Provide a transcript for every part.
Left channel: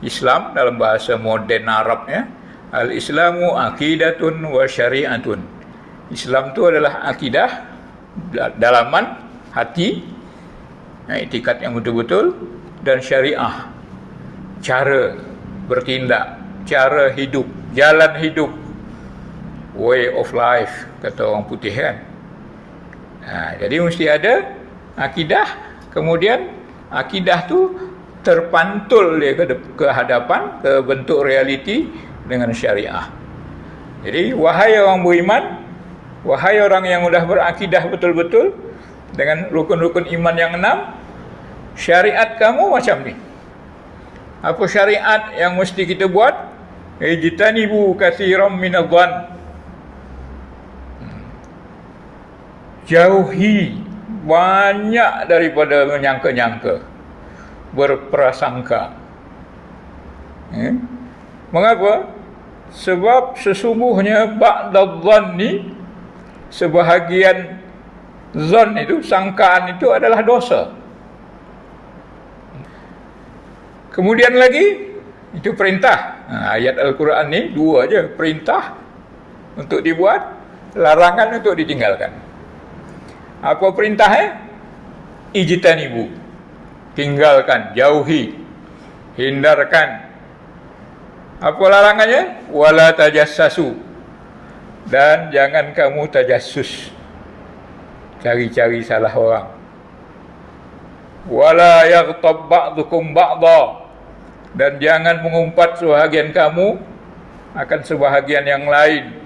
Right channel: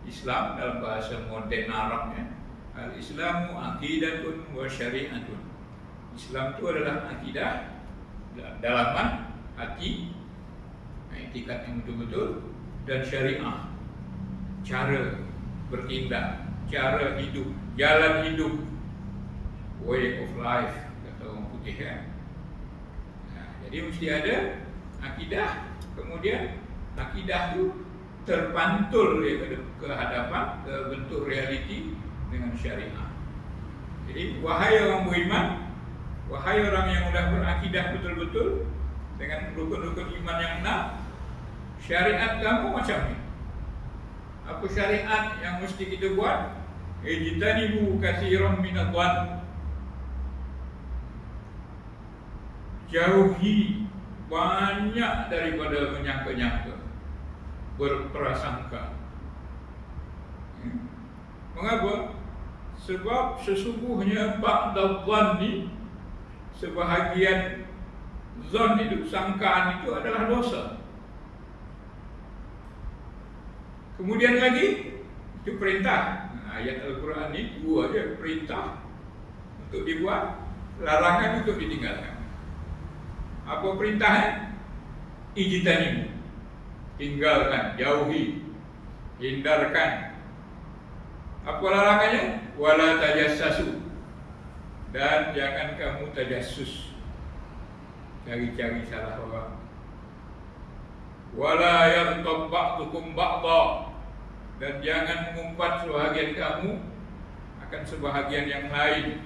Islam dalam bahasa moden Arabnya, al-Islamu aqidatun wa syari'atun. Islam itu adalah akidah, dalaman hati, iktikad yang betul-betul, dan syariah, cara bertindak, cara hidup, jalan hidup, way of life, kata orang putih kan. Jadi mesti ada akidah, kemudian akidah tu terpantul dia ke hadapan, ke bentuk realiti dengan syariah. Jadi wahai orang beriman, wahai orang yang sudah berakidah betul-betul dengan rukun-rukun iman yang 6, syariat kamu macam ni. Apa syariat yang mesti kita buat? Ijtanibu katsiran minadh-dhann. Jauhi banyak daripada menyangka-nyangka, berprasangka. Mengapa? Sebab sesungguhnya ba'dadh-dhanni, sebahagian zon itu, sangkaan itu adalah dosa. Kemudian lagi, itu perintah. Ayat Al-Quran ni dua aja, perintah untuk dibuat, larangan untuk ditinggalkan. Apa perintahnya? Ijtanibu, tinggalkan, jauhi, hindarkan. Apa larangannya? Wala tajassasu, dan jangan kamu tajassus, cari-cari salah orang. Wala yaghtab ba'dukum ba'dha, dan jangan mengumpat sebahagian kamu akan sebahagian yang lain.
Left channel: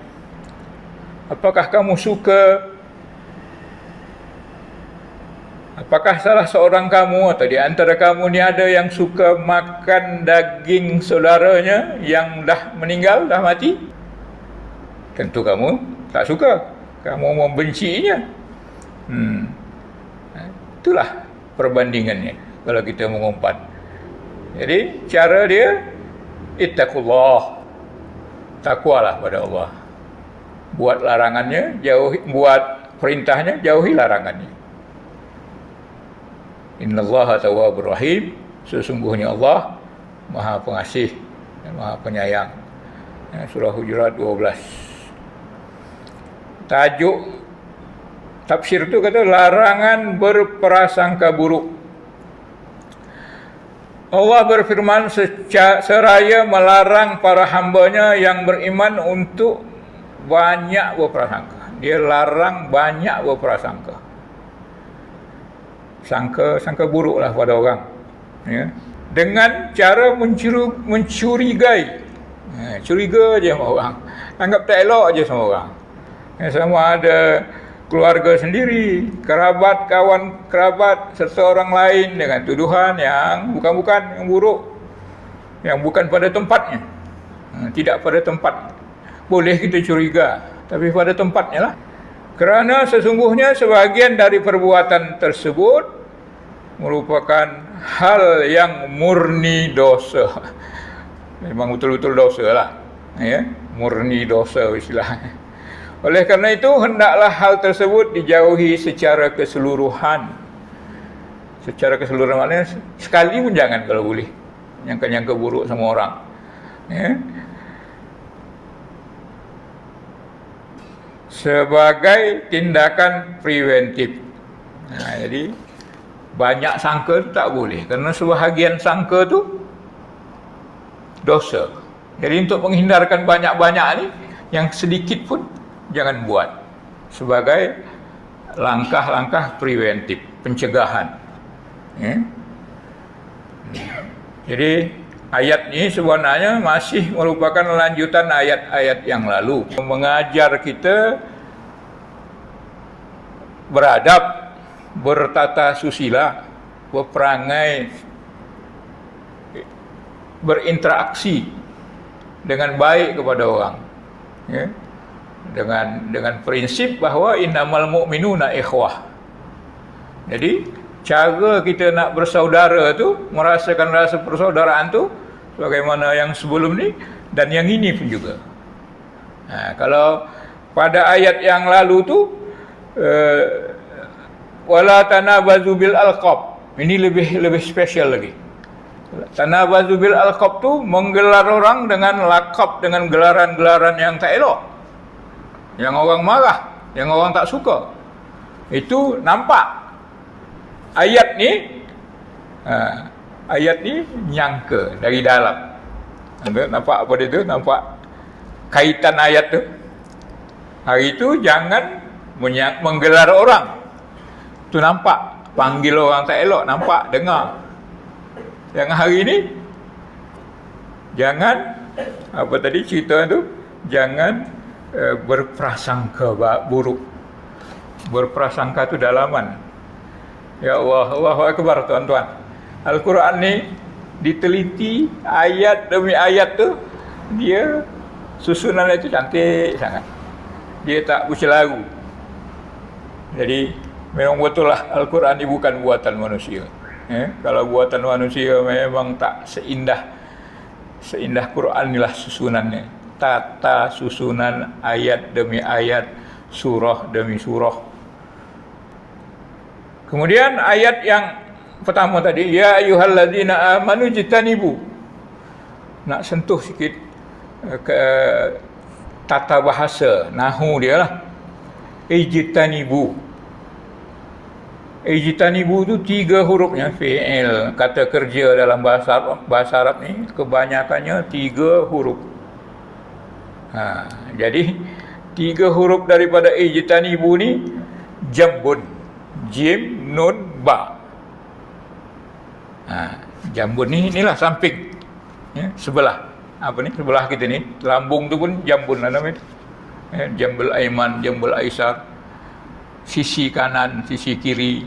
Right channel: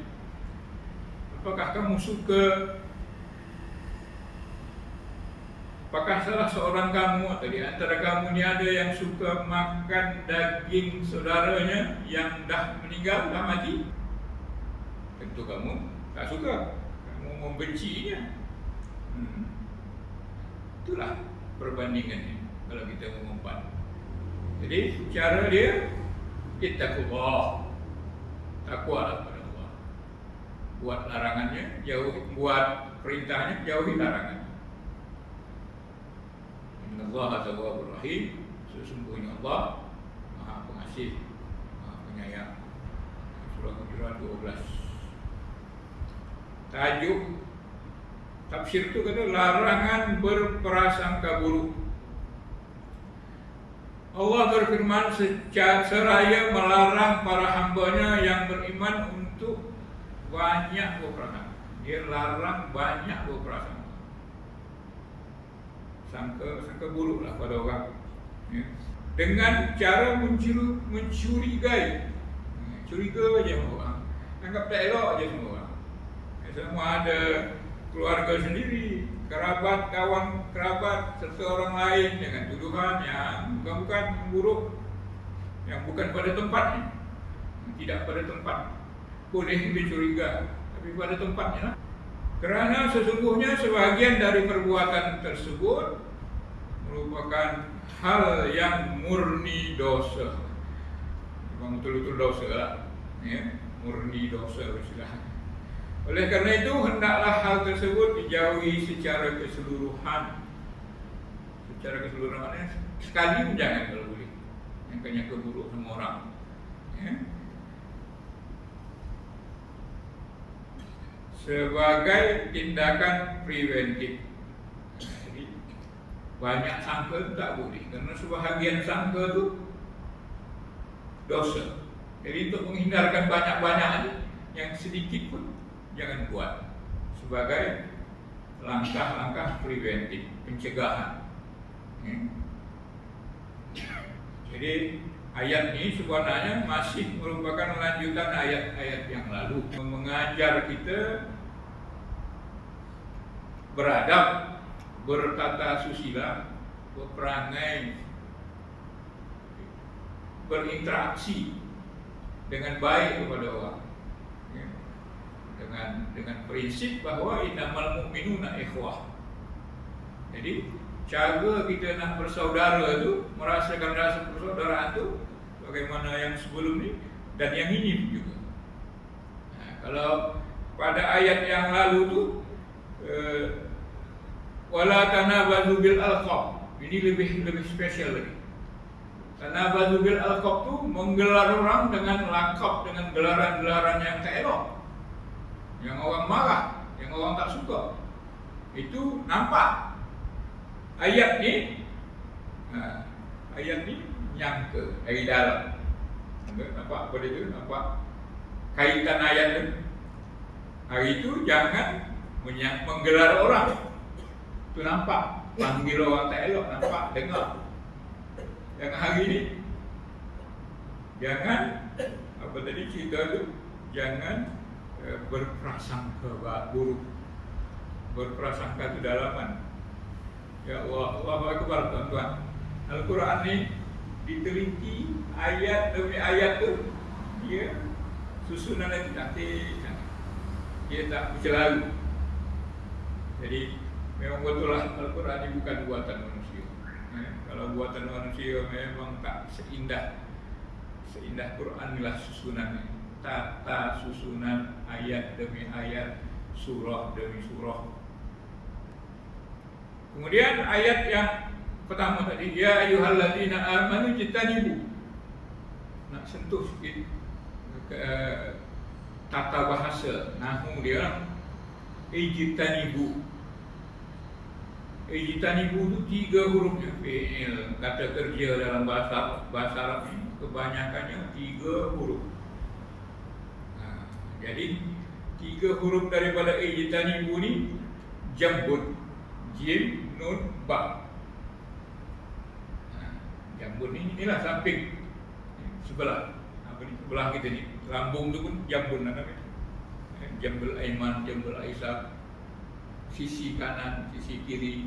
Apakah kamu suka? Apakah salah seorang kamu atau di antara kamu ni ada yang suka makan daging saudaranya yang dah meninggal, dah mati? Tentu kamu tak suka, kamu membencinya. Itulah perbandingannya kalau kita mengumpat. Jadi cara dia, ittaqullah, takwalah pada Allah. Buat larangannya, jauhi, buat perintahnya, jauhi larangannya. Innallaha tawwabur rahim, sesungguhnya Allah Maha Pengasih dan Maha Penyayang. Surah Hujurat 12. Tajuk tafsir itu kata larangan berprasangka buruk. Allah berfirman seraya melarang para hambanya yang beriman untuk banyak berprasangka. Dia larang banyak berprasangka. Sangka buruklah pada orang, ya, dengan cara mencurigai, curiga aja sama orang, anggap tak elok aja sama orang, sama ada keluarga sendiri, kerabat, kawan kerabat, serta orang lain dengan tuduhan yang bukan-bukan, yang buruk, yang bukan pada tempatnya, tidak pada tempat. Boleh kita curiga, tapi pada tempatnya lah. Kerana sesungguhnya sebahagian dari perbuatan tersebut merupakan hal yang murni dosa. Memang betul-betul dosa lah, ya? Murni dosa istilahnya. Oleh kerana itu hendaklah hal tersebut dijauhi secara keseluruhan. Secara keseluruhan maknanya sekali pun jangan kalau boleh nyangka-nyangka buruk sama orang, ya? Sebagai tindakan preventif. Jadi banyak sangka tu tak boleh, kerana sebahagian sangka tu dosa. Jadi untuk menghindarkan banyak-banyak ni, yang sedikit pun jangan buat, sebagai langkah-langkah preventif, pencegahan, ya? Jadi ayat ini sebenarnya masih merupakan lanjutan ayat-ayat yang lalu, mengajar kita beradab, bertata susila, berperangai, berinteraksi dengan baik kepada orang, ya? Dengan prinsip bahawa innamal mu'minuna ikhwah. Jadi cara kita nak bersaudara tu, merasakan rasa persaudaraan tu, sebagaimana yang sebelum ni dan yang ini pun juga. Kalau pada ayat yang lalu tu wala tanabazu bil alqab, ini lebih spesial lagi. Tanabazu bil alqab tu menggelar orang dengan lakab, dengan gelaran-gelaran yang tak elok, yang orang marah, yang orang tak suka. Itu nampak ayat ni, ayat ni nyangka dari dalam. Anda nampak apa dia tu? Nampak kaitan ayat tu. Hari itu jangan menggelar orang. Tu nampak panggil orang tak elok, nampak, dengar. Yang hari ini jangan apa tadi cerita tu, jangan berprasangka buruk. Berprasangka tu dalaman. Ya Allah, Allahu Akbar tuan-tuan. Al-Quran ni diteliti ayat demi ayat tu, dia susunan itu cantik sangat. Dia tak bercelaru. Jadi memang betul lah Al-Quran ni bukan buatan manusia. Kalau buatan manusia memang tak seindah Quran ni lah susunannya. Tata susunan ayat demi ayat, surah demi surah. Kemudian ayat yang pertama tadi, ya ayyuhallazina amanu jitanibu. Nak sentuh sikit ke tata bahasa, nahu dia lah. Ijtanibu. Ijtanibu tu 3 hurufnya, fi'il, kata kerja dalam bahasa Arab ni kebanyakannya 3 huruf. Jadi 3 huruf daripada ijtanibu ni jambun, jim, nun, ba. Jambun ni inilah samping, sebelah. Apa ni? Sebelah kita ni, lambung tu pun jambun lah namanya. Jambul aiman, jambul aisar. Sisi kanan, sisi kiri,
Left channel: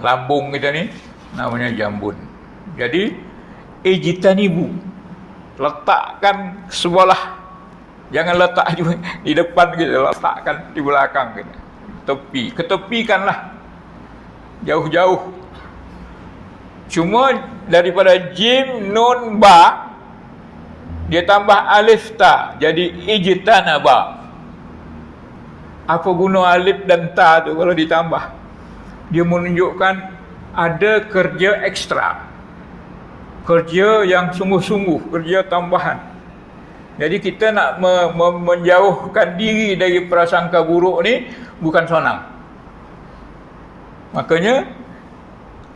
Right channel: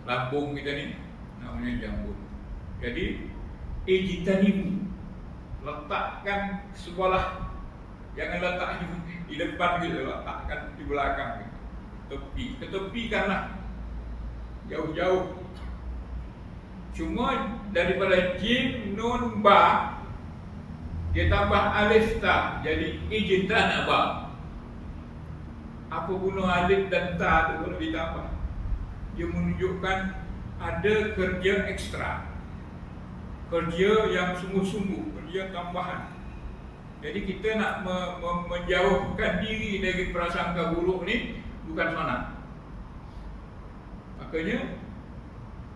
lambung kita ni namanya jambun. Jadi ijtanibu, letakkan sebelah, jangan letak di depan kita, letakkan di belakang kita, tepi, ketepikanlah jauh-jauh. Cuma daripada jim, nun, ba, dia tambah alif ta, jadi ijtanaba. Apa guna alif dan ta tu kalau ditambah? Dia menunjukkan ada kerja ekstra, kerja yang sungguh-sungguh, kerja tambahan. Jadi kita nak menjauhkan diri dari prasangka buruk ni bukan senang. Makanya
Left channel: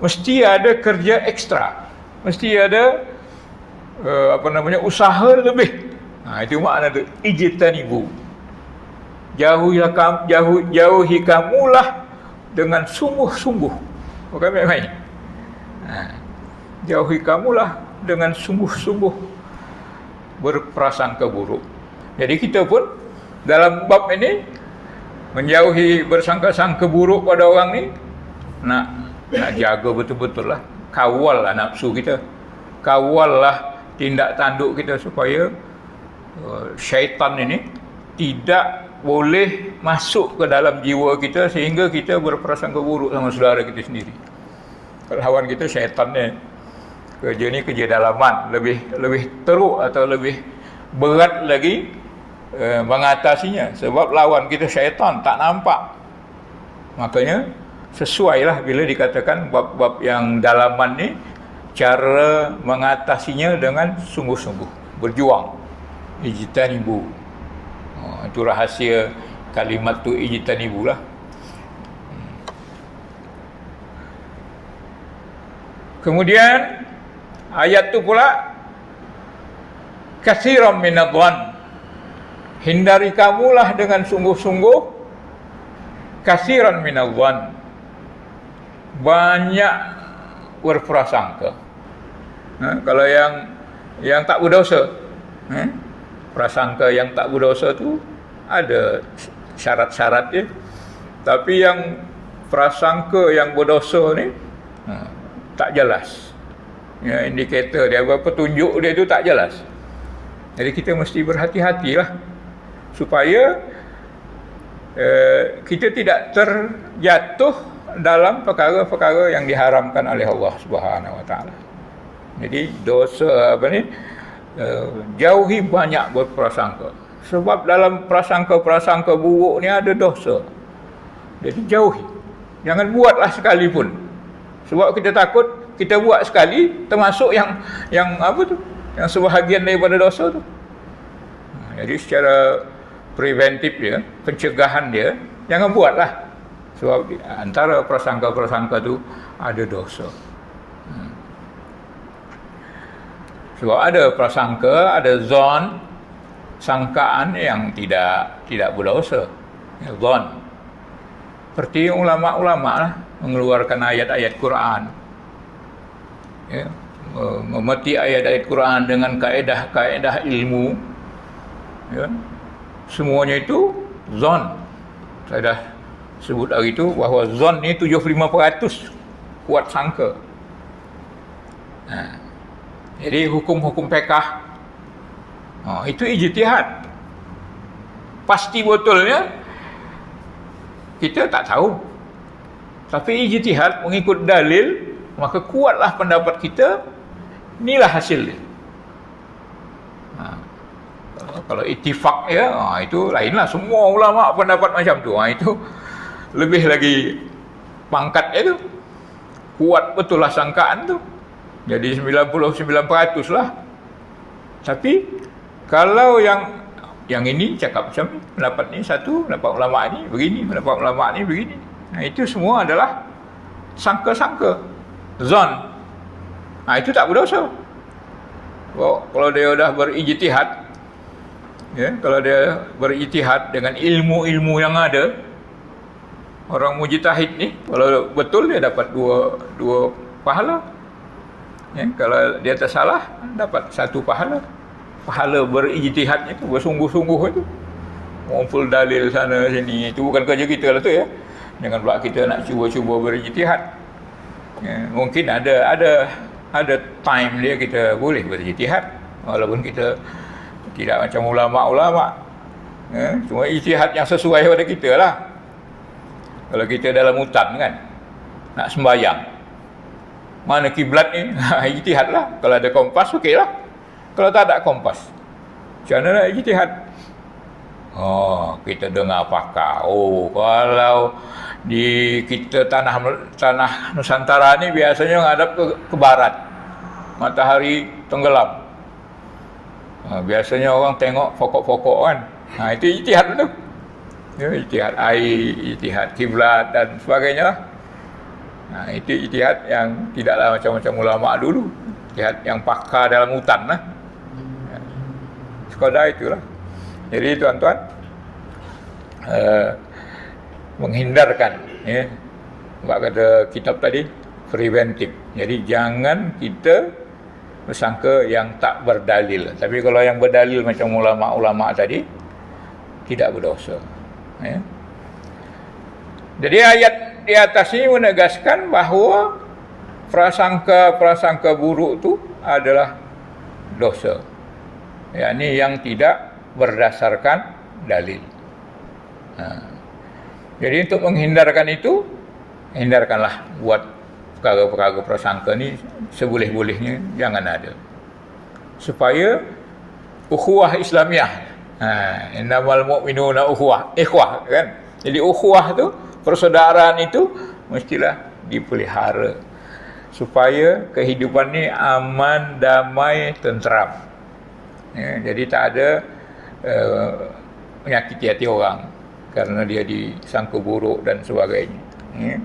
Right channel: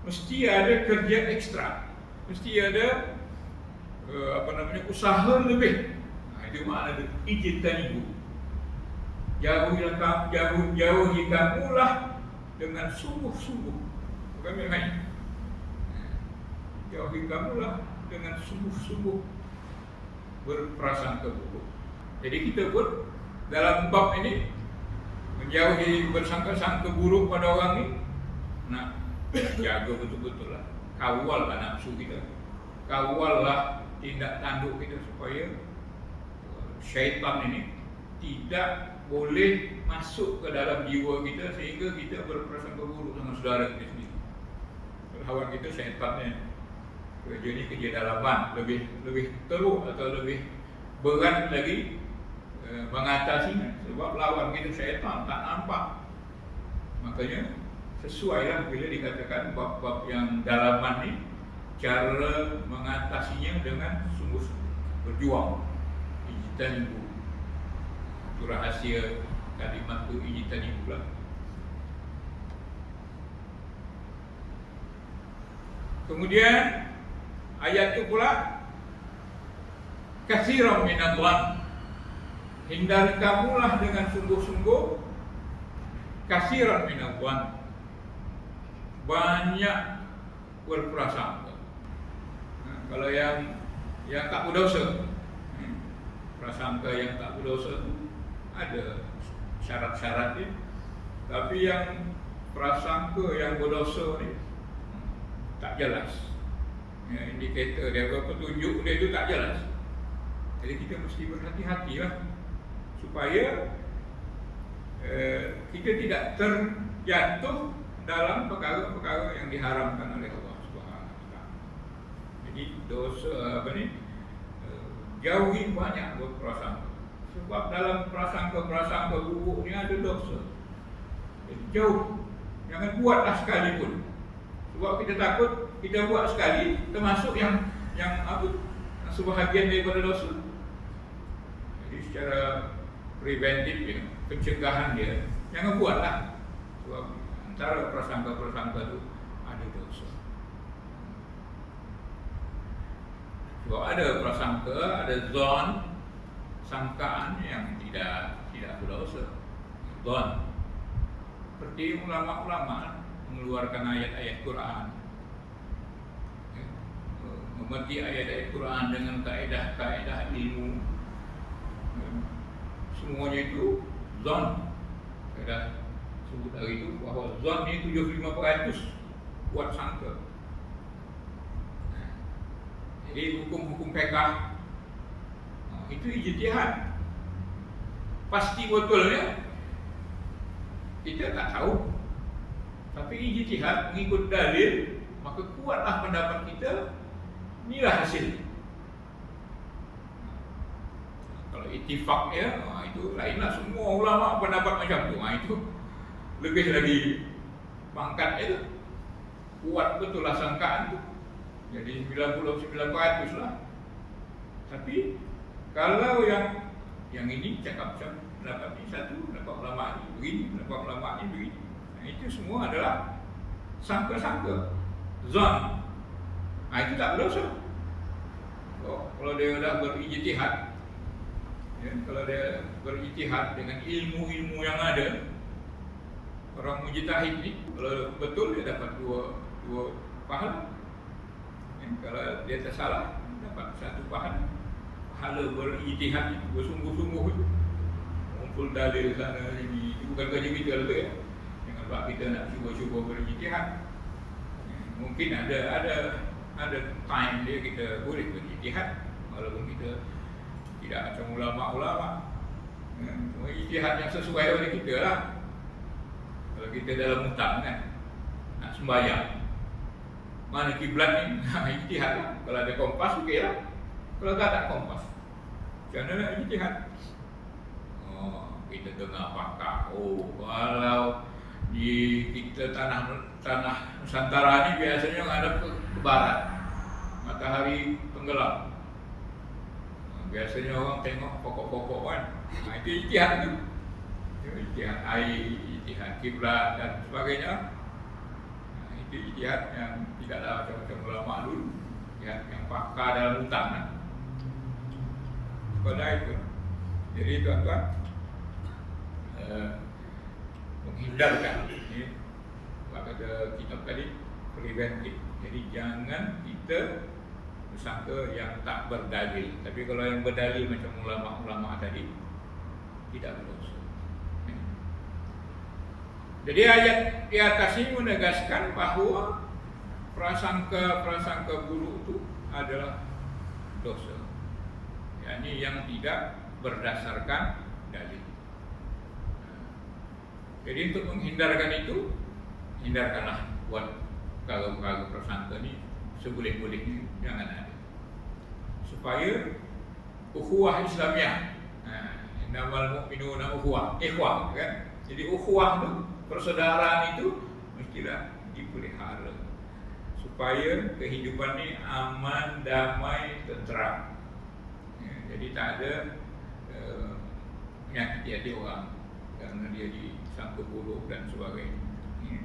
mesti ada kerja ekstra, mesti ada usaha lebih. Itu makna tu ijtanibu. Jauhi kamulah dengan sungguh-sungguh, bukan main-main. Jauhi kamulah dengan sungguh-sungguh berprasangka buruk. Jadi kita pun dalam bab ini menjauhi bersangka-sangka buruk pada orang ni, nak jaga betul-betul lah, kawal lah nafsu kita, kawal lah tindak tanduk kita supaya syaitan ini tidak boleh masuk ke dalam jiwa kita sehingga kita berprasangka buruk sama saudara kita sendiri. Lawan kita syaitan ni, kerja ni kerja dalaman, lebih teruk atau lebih berat lagi mengatasinya, sebab lawan kita syaitan tak nampak. Makanya sesuailah bila dikatakan bab-bab yang dalaman ni, cara mengatasinya dengan sungguh-sungguh, berjuang. Ijtanibu. Itu rahsia kalimat tu, ijtanibu lah. Kemudian ayat tu pula, katsiran minadh-dhann, hindari kamulah dengan sungguh-sungguh, katsiran minadh-dhann, banyak berprasangka. Kalau yang tak berdosa, prasangka yang tak berdosa tu ada syarat-syarat dia. Tapi yang prasangka yang berdosa ni tak jelas. Ya, indikator dia, petunjuk dia tu tak jelas. Jadi kita mesti berhati-hatilah supaya kita tidak terjatuh dalam perkara-perkara yang diharamkan oleh Allah Subhanahu Wa Taala. Jadi dosa jauhi banyak berprasangka. Sebab dalam prasangka-prasangka buruk ni ada dosa. Jadi jauhi. Jangan buatlah sekalipun. Sebab kita takut kita buat sekali termasuk yang apa tu? Yang sebahagian daripada dosa tu. Jadi secara preventif dia, pencegahan dia, jangan buatlah. Sebab antara prasangka-prasangka tu ada dosa. Sebab ada prasangka, ada zon, sangkaan yang tidak berdosa. Zon. Seperti ulama-ulama lah mengeluarkan ayat-ayat Quran. Ya, memeti ayat-ayat Quran dengan kaedah-kaedah ilmu. Ya, semuanya itu zon. Saya dah sebut hari itu bahawa zon ni 75% kuat sangka. Jadi hukum-hukum fiqh itu ijtihad. Pasti betulnya kita tak tahu. Tapi ijtihad mengikut dalil, maka kuatlah pendapat kita, inilah hasil. Kalau ittifaq ya, itu lainlah, semua ulama pendapat macam tu. Itu lebih lagi pangkat itu. Kuat betul lah sangkaan tu. Jadi 99% lah. Tapi kalau yang ini cakap macam ni, pendapat ni satu, pendapat ulama ni begini, pendapat ulama ni begini. Itu semua adalah sangka-sangka, zon. Itu tak berdosa. Kalau dia dah berijtihad, ya, kalau dia berijtihad dengan ilmu-ilmu yang ada, orang mujtahid ni kalau betul dia dapat dua pahala. Ya, kalau dia tersalah dapat satu pahala. Pahala berijtihad itu, bersungguh-sungguh itu, mengumpul dalil sana sini, itu bukan kerja kita lah tu ya. Jangan pula kita nak cuba-cuba berijtihad. Ya, mungkin ada time dia kita boleh berijtihad, walaupun kita tidak macam ulama-ulama. Ya, cuma ijtihad yang sesuai pada kita lah. Kalau kita dalam hutan kan, nak sembahyang, mana kiblat ni, ijtihad lah. Kalau ada kompas, okey lah. Kalau tak ada kompas, macam mana nak ijtihad? Kita dengar pakar. Kalau di kita tanah Nusantara ni biasanya menghadap ke barat, matahari tenggelam. Biasanya orang tengok pokok-pokok kan. Itu ijtihad tu. Ya, ijtihad air, ijtihad kiblat dan sebagainya lah. Itu ijtihad yang tidaklah macam-macam ulama dulu. Ijtihad yang pakar dalam hutan lah. Sekadar itulah. Jadi tuan-tuan, menghindarkan, ya, sebab kata kitab tadi, preventif. Jadi jangan kita bersangka yang tak berdalil. Tapi kalau yang berdalil macam ulama-ulama tadi, tidak berdosa. Ya. Jadi ayat di atas ini menegaskan bahawa prasangka-prasangka buruk itu adalah dosa. Yakni yang tidak berdasarkan dalil. Jadi untuk menghindarkan itu, hindarkanlah buat perkara-perkara prasangka ni seboleh-bolehnya jangan ada. Supaya ukhuwah Islamiah. Innamal mu'minuna ikhwah kan. Jadi ukhuwah tu, persaudaraan itu mestilah dipelihara supaya kehidupan ni aman, damai, tenteram. Ya, jadi tak ada menyakiti hati orang kerana dia disangka buruk dan sebagainya. Ya.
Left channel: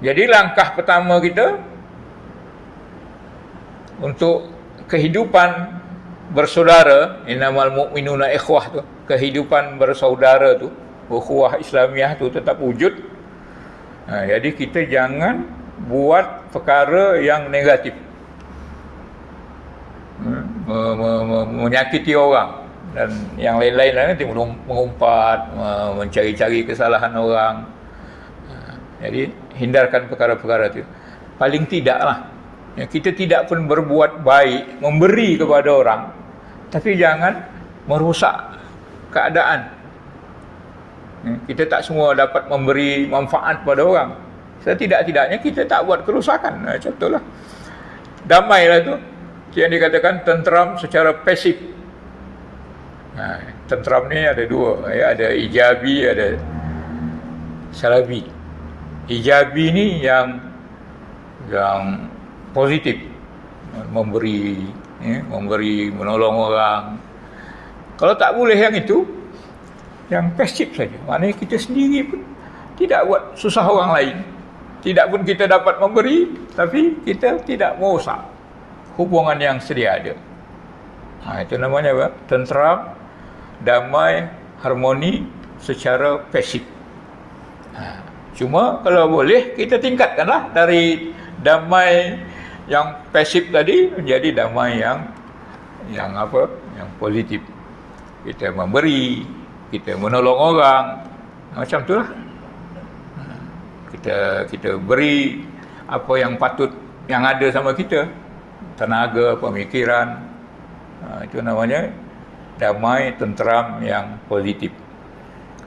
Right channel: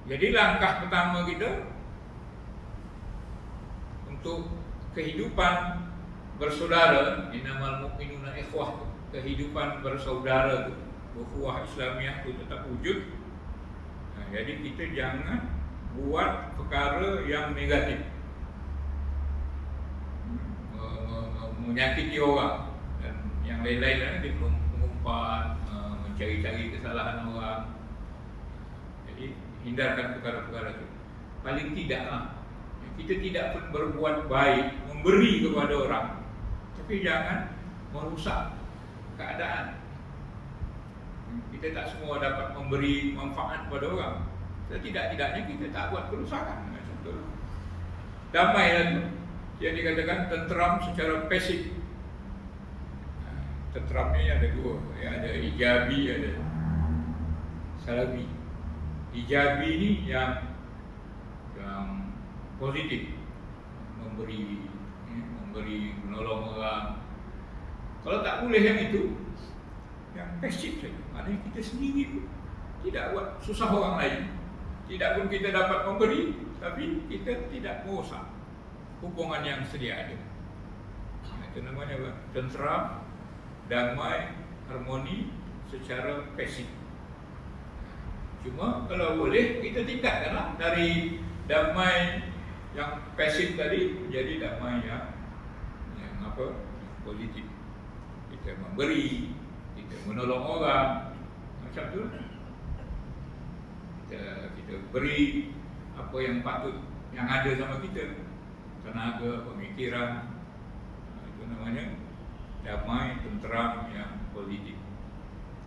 Jadi langkah pertama kita untuk kehidupan bersaudara, innamal mu'minuna ikhwah tu, kehidupan bersaudara tu, ukhuwah Islamiah tu tetap wujud. Jadi kita jangan buat perkara yang negatif, menyakiti orang dan yang lain-lain nanti mengumpat, mencari-cari kesalahan orang. Jadi hindarkan perkara-perkara itu. Paling tidaklah kita tidak pun berbuat baik, memberi kepada orang, tapi jangan merosak keadaan. Kita tak semua dapat memberi manfaat pada orang. Setidak-tidaknya kita tak buat kerosakan. Contohlah, damailah tu yang dikatakan tenteram secara pasif. Tenteram ni ada dua, ya, ada ijabi, ada salabi. Ijabi ni yang yang positif, memberi, menolong orang. Kalau tak boleh yang itu, yang pasif saja. Maknanya kita sendiri pun tidak buat susah orang lain. Tidak pun kita dapat memberi, tapi kita tidak merosak hubungan yang sedia ada. Itu namanya apa? Tenteram, damai, harmoni secara pasif. Cuma kalau boleh kita tingkatkanlah dari damai yang pasif tadi menjadi damai yang positif. Kita memberi, kita menolong orang, macam itulah. Kita beri apa yang patut yang ada sama kita, tenaga, pemikiran. Itu namanya damai, tenteram yang positif.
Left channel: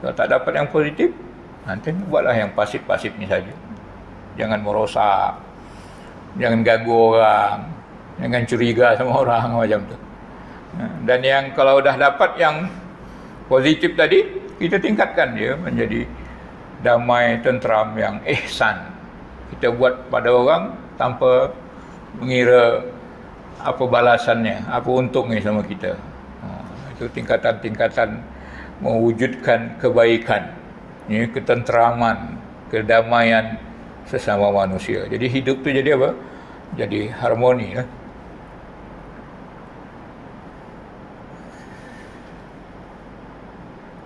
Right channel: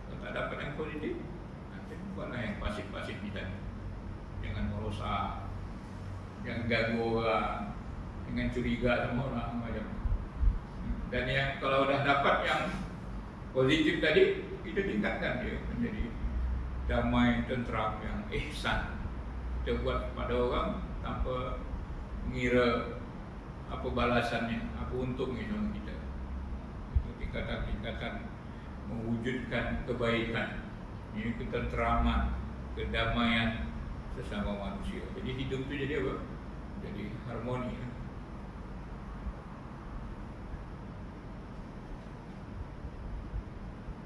Kalau tak dapat yang positif, nanti buatlah yang pasif-pasif ni saja. Jangan merosak, jangan ganggu orang, jangan curiga sama orang macam tu. Dan yang kalau dah dapat yang positif tadi, kita tingkatkan dia menjadi damai, tenteram yang ihsan. Kita buat pada orang tanpa mengira apa balasannya, apa untungnya sama kita. Itu tingkatan-tingkatan mewujudkan kebaikan, ketenteraman, kedamaian sesama manusia. Jadi hidup tu jadi apa? Jadi harmoni.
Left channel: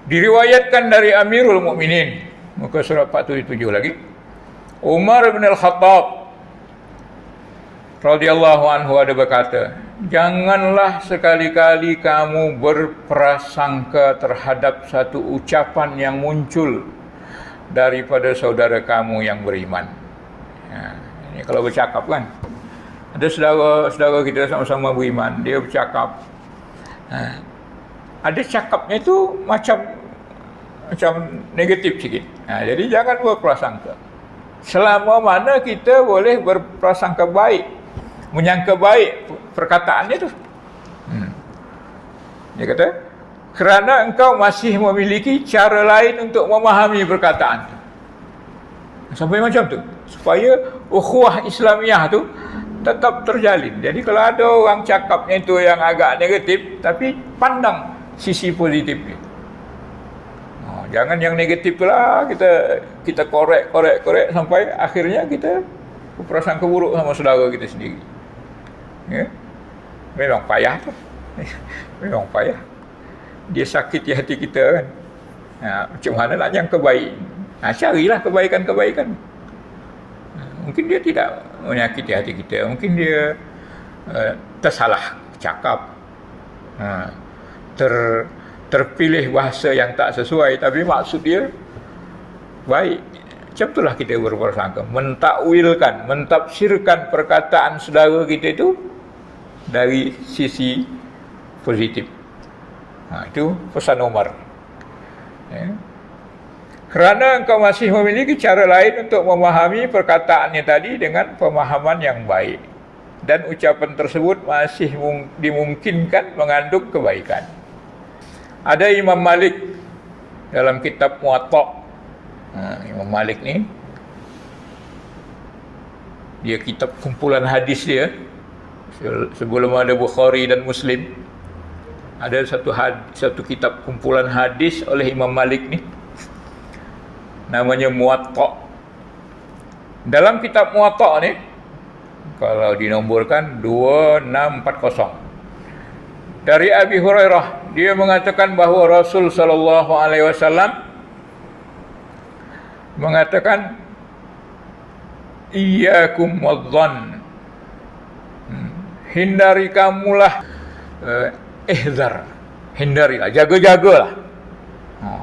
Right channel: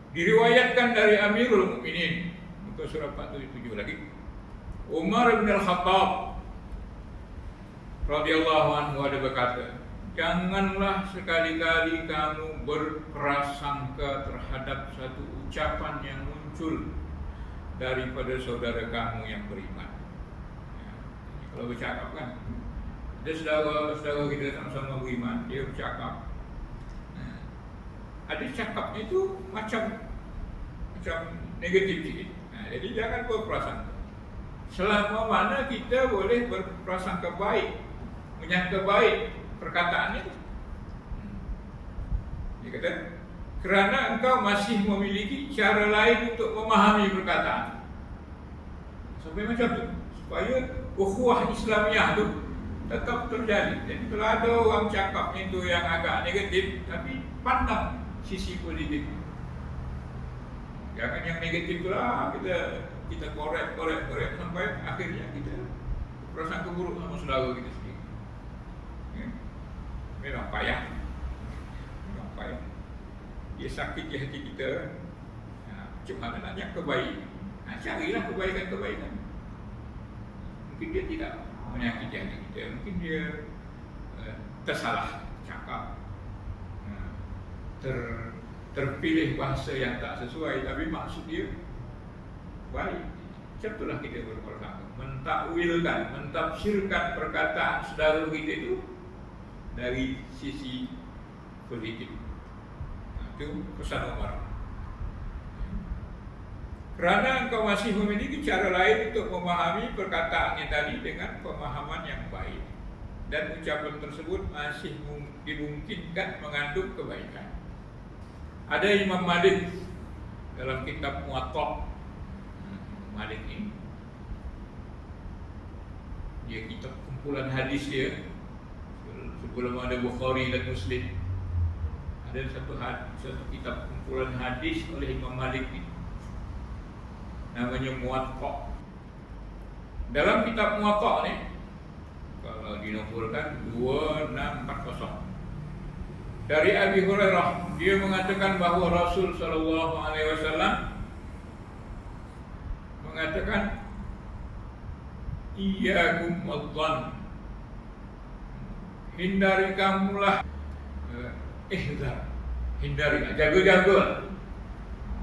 Diriwayatkan dari Amirul Mukminin, muka surat 47 lagi, Umar bin Al-Khattab radhiyallahu anhu ada berkata, janganlah sekali-kali kamu berprasangka terhadap satu ucapan yang muncul daripada saudara kamu yang beriman. Ini kalau bercakap kan, ada saudara kita sama-sama beriman, dia bercakap, ada cakapnya itu macam negatif sikit. Jadi jangan berprasangka. Selama mana kita boleh berprasangka baik, menyangka baik perkataannya tu. Dia kata, kerana engkau masih memiliki cara lain untuk memahami perkataan tu. Sampai macam tu, supaya ukhuwah Islamiah tu tetap terjalin. Jadi kalau ada orang cakapnya itu yang agak negatif, tapi pandang sisi positifnya. Jangan yang negatif lah kita korek sampai akhirnya kita berprasangka buruk sama saudara kita sendiri. Ya? Memang payah tu. Memang payah. Dia sakiti hati kita kan. Macam mana nak yang kebaik? Carilah kebaikan-kebaikan. Mungkin dia tidak menyakiti hati kita. Mungkin dia tersalah cakap. Terpilih bahasa yang tak sesuai, tapi maksud dia baik. Macam itulah kita berprasangka, mentakwilkan, mentafsirkan perkataan saudara kita itu dari sisi positif. Itu pesan Umar. Kerana engkau masih memiliki cara lain untuk memahami perkataannya tadi dengan pemahaman yang baik, dan ucapan tersebut masih dimungkinkan mengandung kebaikan. Ada Imam Malik dalam kitab Muwatta. Imam Malik ni, dia kitab kumpulan hadis dia. Sebelum ada Bukhari dan Muslim, ada satu kitab kumpulan hadis oleh Imam Malik ni, namanya Muwatta. Dalam kitab Muwatta ni, kalau dinomborkan 2640, dari Abi Hurairah, dia mengatakan bahawa Rasul sallallahu alaihi wasallam mengatakan, iyyakum wadh-dhann, hindari kamulah hindarilah, jaga-jagalah,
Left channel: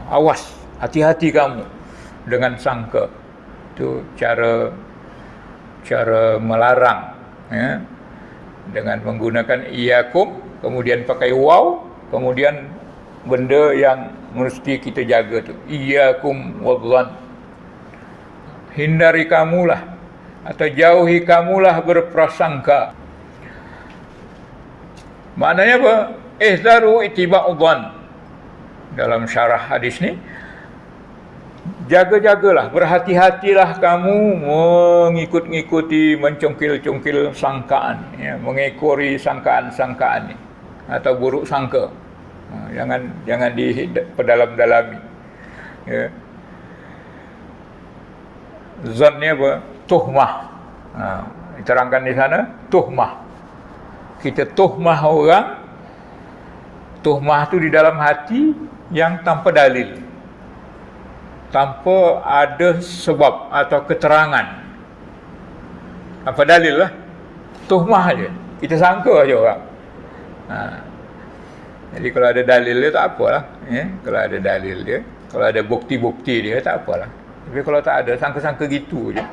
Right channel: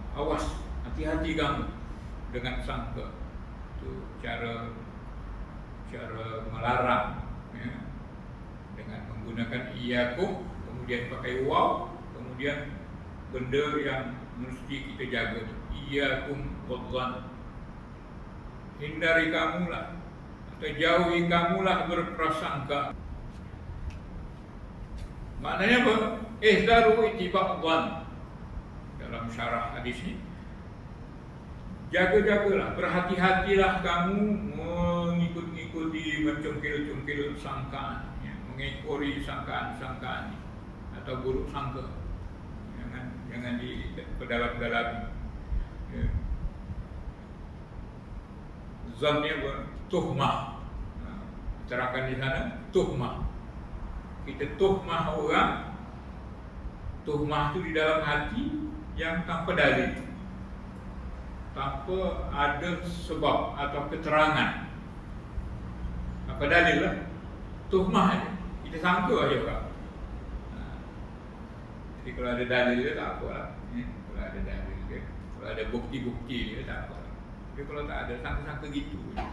awas, hati-hati kamu dengan sangka. Itu cara melarang, ya, dengan menggunakan iyyakum, kemudian pakai waw, kemudian benda yang mesti kita jaga tu, iyyakum wadh-dhann, hindari kamulah atau jauhi kamulah berprasangka. Maknanya apa? Ihzaru ittiba'udh-dhann. Dalam syarah hadis ni, jaga-jagalah, berhati-hatilah kamu mengikut-ngikuti, mencongkil-congkil sangkaan, ya, mengekori sangkaan-sangkaan ni atau buruk sangka. Jangan diperdalam-dalami. Ya. Zon ni apa? Tuhmah. Diterangkan di sana, tuhmah. Kita tuhmah orang, tuhmah tu di dalam hati yang tanpa dalil, tanpa ada sebab atau keterangan. Apa dalil lah? Tuhmah aja. Kita sangka aja orang. Jadi kalau ada dalil dia tak apalah, ya. Kalau ada dalil dia, kalau ada bukti-bukti dia tak apalah. Tapi kalau tak ada, sangka-sangka gitu je.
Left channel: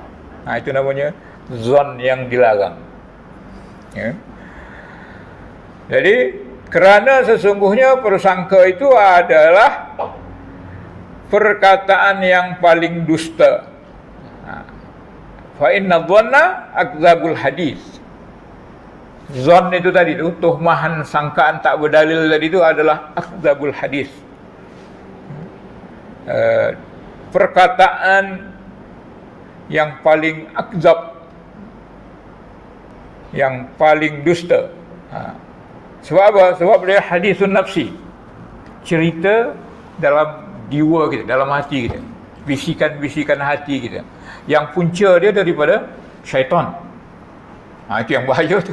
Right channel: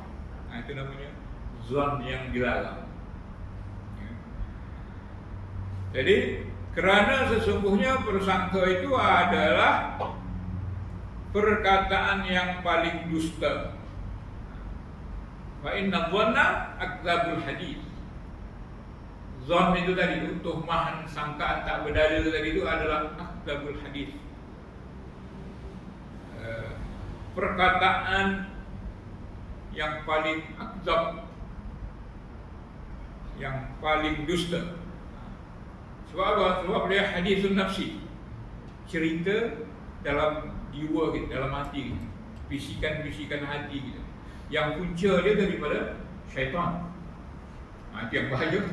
Itu namanya zon yang dilarang. Ya. Jadi kerana sesungguhnya persangka itu adalah perkataan yang paling dusta. Fa inna dhanna akdzabul hadis. Zon itu tadi tu, tuhmahan sangkaan tak berdalil tadi itu adalah akdzabul hadis. Perkataan yang paling akdzab, yang paling dusta. Sebab apa? Sebab dia hadisun nafsi, cerita dalam jiwa kita, dalam hati kita, bisikan-bisikan hati kita, yang punca dia daripada syaitan. Itu yang bahaya tu.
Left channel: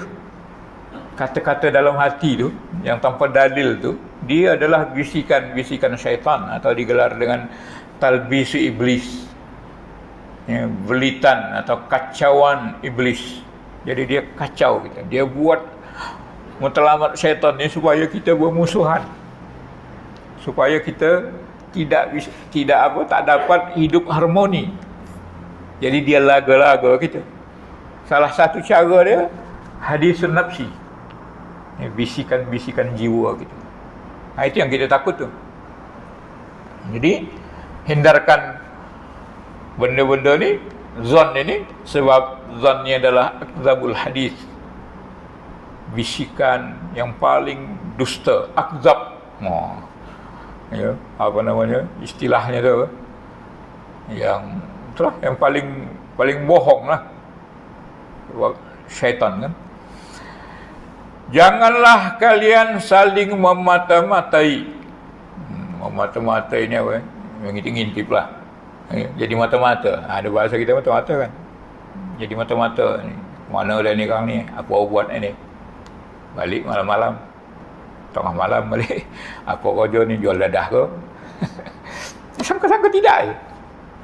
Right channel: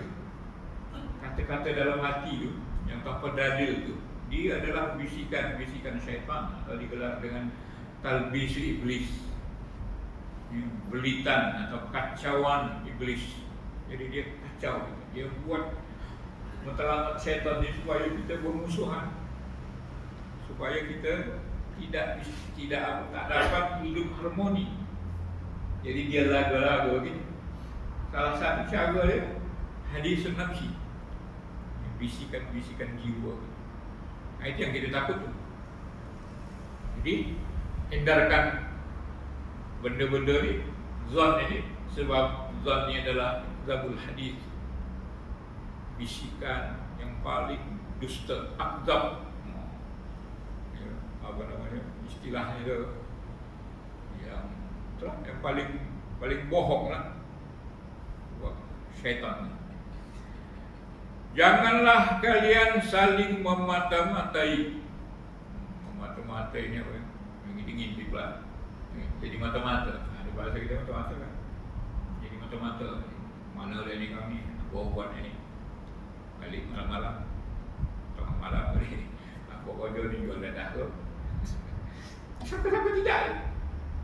Kata-kata dalam hati tu, yang tanpa dalil tu, dia adalah bisikan-bisikan syaitan, atau digelar dengan talbisu iblis, ya, belitan atau kacauan iblis. Jadi dia kacau kita, dia buat matlamat syaitan ni supaya kita bermusuhan, supaya kita tak dapat hidup harmoni. Jadi dia laga-laga kita. Salah satu cara dia hadisun nafsi, bisikan-bisikan jiwa kita. Itu yang kita takut tu. Jadi hindarkan benda-benda ni, zon ini, sebab zon ni adalah akdzabul hadis, bisikan yang paling dusta. Akdzab, ya, apa namanya istilahnya tu, yang itulah yang paling bohong lah, sebab syaitan kan. Janganlah kalian saling memata-matai. Memata-matai ni apa? Mengintip-ngintip lah. Jadi mata-mata. Ada bahasa kita mata-mata kan. Jadi mata-mata ni. Mana dah ni kang ni? Apa buat ni? Balik malam-malam. Tengah malam balik. Apa kerja ni? Jual dadah ke? Sangka-sangka tidak.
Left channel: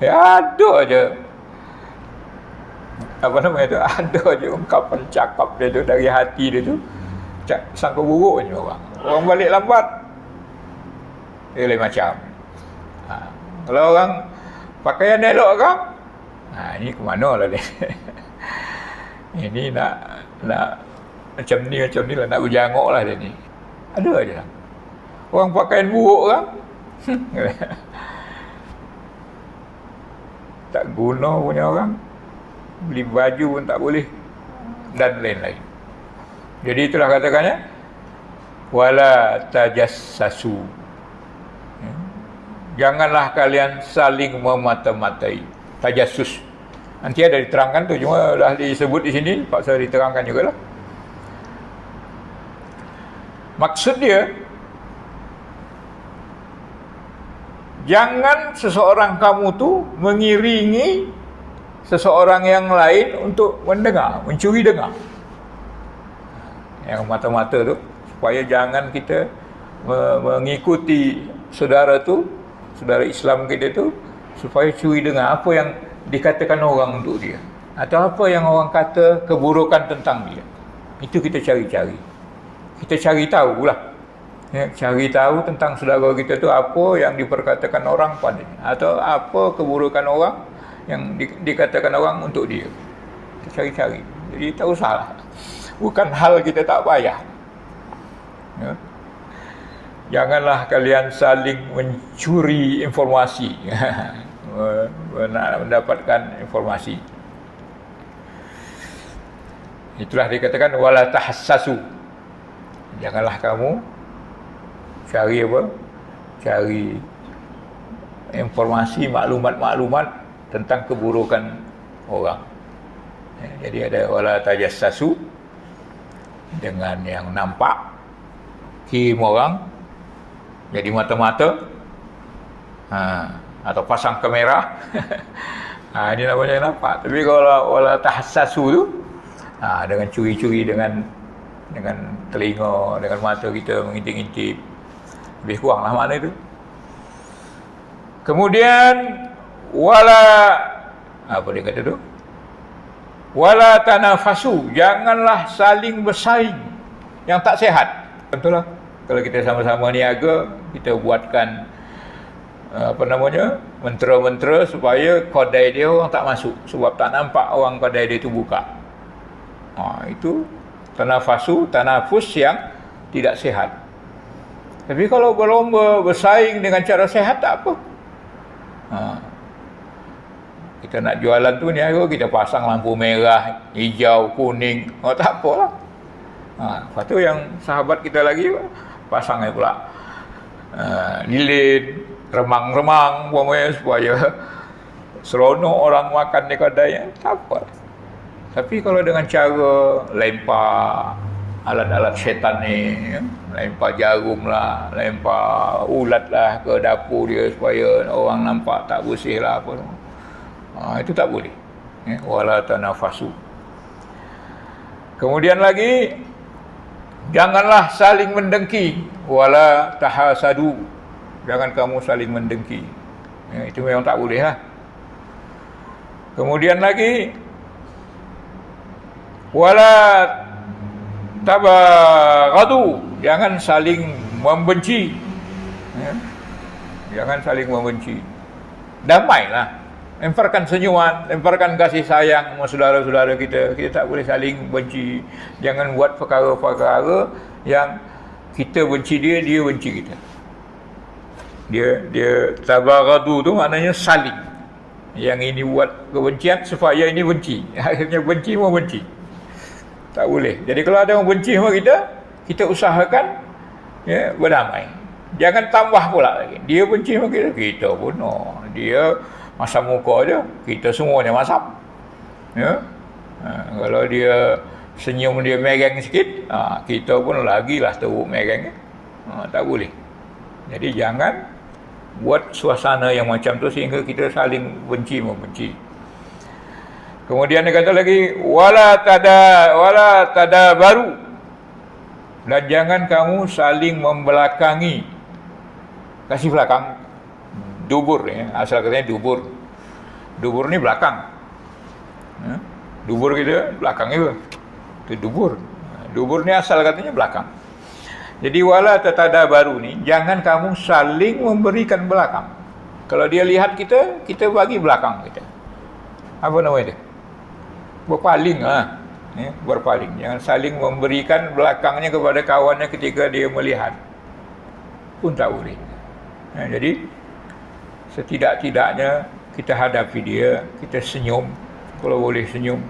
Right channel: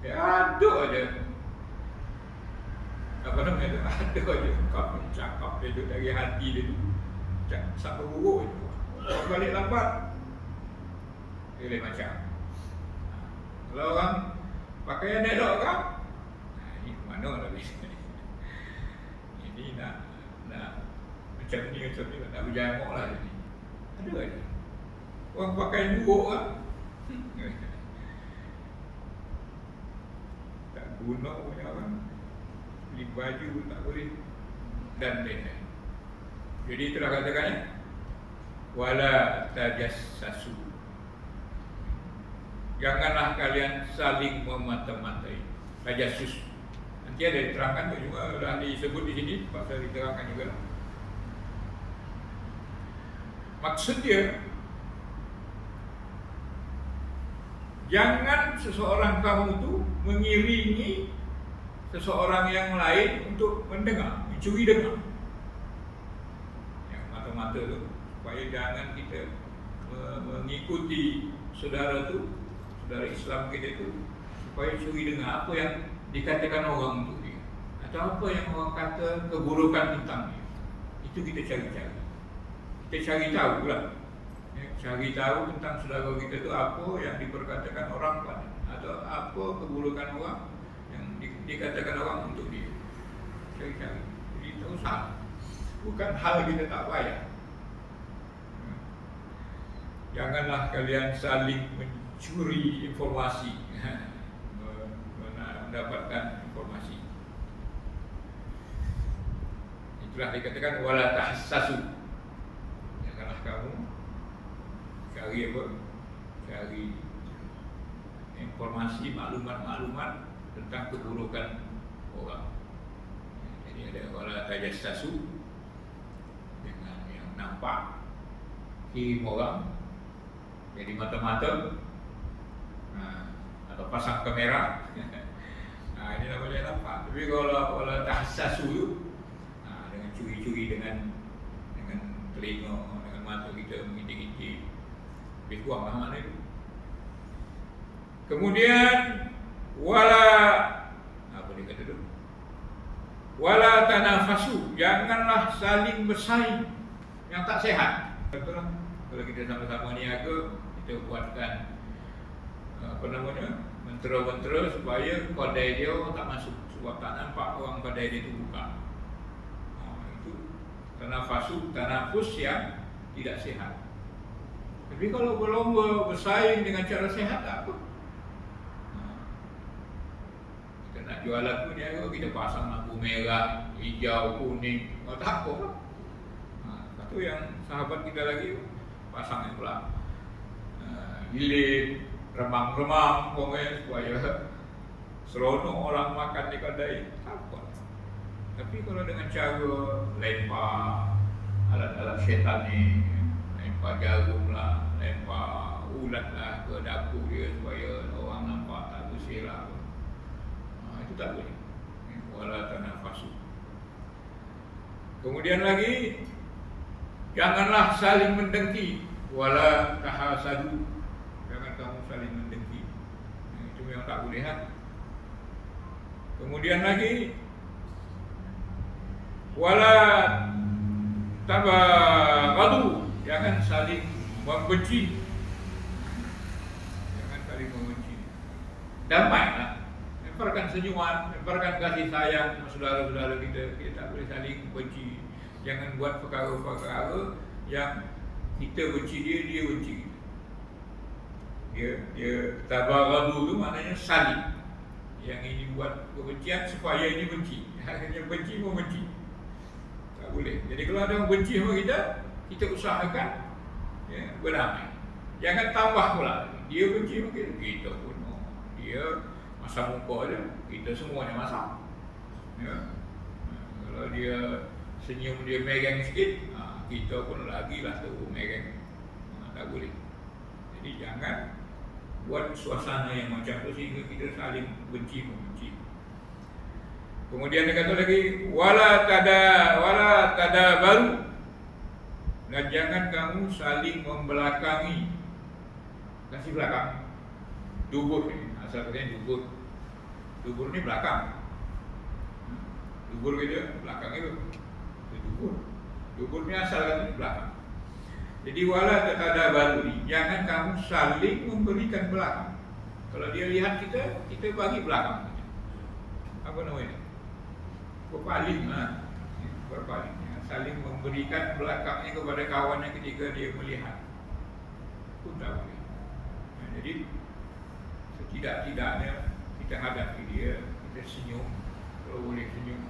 Ya, ada aja. Apa namanya tu? Ada aja ungkapan cakap dia tu dari hati dia tu. Sangka buruk je orang. Orang balik lambat, dia lain macam. Kalau orang pakaian elok kan, ini ke mana lah ni? Ini nak macam ni lah, nak berjanguk lah dia ni. Ada aja lah. Orang pakaian buruk kan, tak guna punya orang, beli baju pun tak boleh, dan lain-lain. Jadi itulah katakannya, wala tajassasu. Janganlah kalian saling memata-matai. Tajassus. Nanti ada diterangkan tu, cuma dah disebut di sini, paksa diterangkan jugalah. Maksud dia, jangan seseorang kamu tu mengiringi seseorang yang lain untuk mendengar, mencuri dengar. Yang mata-mata tu, supaya jangan kita mengikuti saudara tu, saudara Islam kita tu, supaya curi dengar apa yang dikatakan orang untuk dia, atau apa yang orang kata keburukan tentang dia. Itu kita cari-cari. Kita cari tahu lah, ya, cari tahu tentang saudara kita tu apa yang diperkatakan orang pada dia, atau apa keburukan orang yang dikatakan orang untuk dia. Kita cari-cari. Jadi tak usahlah. Bukan hal kita tak payah. Ya. Janganlah kalian saling mencuri informasi, mendapatkan informasi. Itulah dikatakan wala tahassasu. Janganlah kamu cari apa? Cari informasi, maklumat-maklumat tentang keburukan orang. Jadi ada wala tajassasu, dengan yang nampak kirim orang jadi mata-mata, atau pasang kamera. Ini namanya nampak. Tapi kalau wala tahassasu tu, dengan curi-curi dengan telinga, dengan mata kita mengintip-intip, lebih kuranglah makna itu. Kemudian wala, apa dia kata tu? Wala tanafasu, janganlah saling bersaing yang tak sihat. Betul lah. Kalau kita sama-sama niaga, kita buatkan mentera-mentera supaya kedai dia orang tak masuk, sebab tak nampak orang kedai dia tu buka. Itu tanafus yang tidak sihat. Tapi kalau berlomba bersaing dengan cara sihat, tak apa. Kita nak jualan tu niaga, kita pasang lampu merah, hijau, kuning, tak apalah. Lepas tu yang sahabat kita lagi pasang pula lilin, remang-remang supaya seronok orang makan di kedai, tak apa. Tapi kalau dengan cara lempar alat-alat syaitan ni, lempar jarum lah, lempar ulat lah ke dapur dia supaya orang nampak tak bersih lah apa, itu tak boleh. Wala tanafasu. Kemudian lagi, janganlah saling mendengki. Wala tahasadu, jangan kamu saling mendengki. Itu memang tak boleh lah. Kemudian lagi, wala tabaghadu, jangan saling membenci. Jangan saling membenci. Damailah. Lemparkan senyuman, lemparkan kasih sayang sama saudara-saudara kita. Kita tak boleh saling benci. Jangan buat perkara-perkara yang kita benci dia, dia benci kita. Dia tabaghadu tu maknanya saling. Yang ini buat kebencian supaya ini benci. Akhirnya benci mau benci. Tak boleh. Jadi kalau ada orang benci sama kita, kita usahakan berdamai. Jangan tambah pula lagi. Dia benci sama kita, kita pun dia masam muka aja, kita semuanya masam. Kalau dia senyum dia mereng sikit, kita pun lagilah teruk mereng. Tak boleh. Jadi jangan buat suasana yang macam tu sehingga kita saling benci membenci. Kemudian dia kata lagi, wala tadabaru, dan jangan kamu saling membelakangi. Kasih belakang. Dubur, asal katanya dubur. Dubur ni belakang. Dubur kita belakang itu. Itu dubur. Dubur ni asal katanya belakang. Jadi wala tadabaru ni, jangan kamu saling memberikan belakang. Kalau dia lihat kita, kita bagi belakang kita. Apa nama itu? Berpaling berpaling. Jangan saling memberikan belakangnya kepada kawannya ketika dia melihat. Pun tak boleh. Jadi setidak-tidaknya kita hadapi dia, kita senyum, kalau boleh senyum.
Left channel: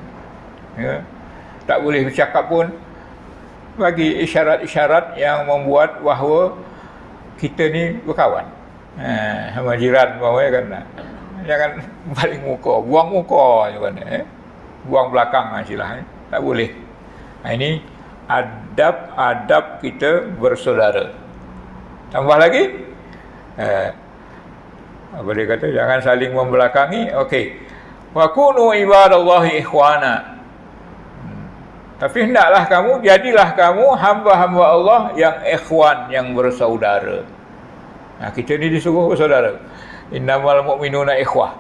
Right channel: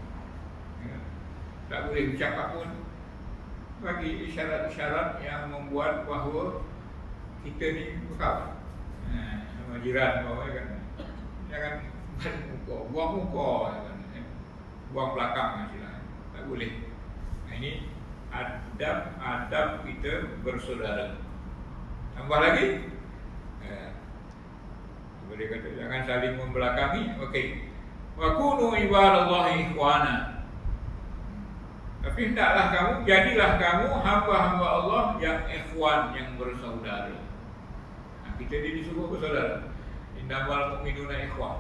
Tak boleh bercakap pun, bagi isyarat-isyarat yang membuat bahawa kita ni berkawan. Sama jiran bawah kan. Jangan balik muka, buang muka juga buang belakang silah. Tak boleh. Ini adab kita bersaudara. Tambah lagi, apa dia kata, jangan saling membelakangi. Okey, wa kunu ibadallahi ikhwana, tapi hendaklah kamu, jadilah kamu hamba-hamba Allah yang ikhwan, yang bersaudara. Kita ni disuruh bersaudara. Innamal mu'minuna ikhwah.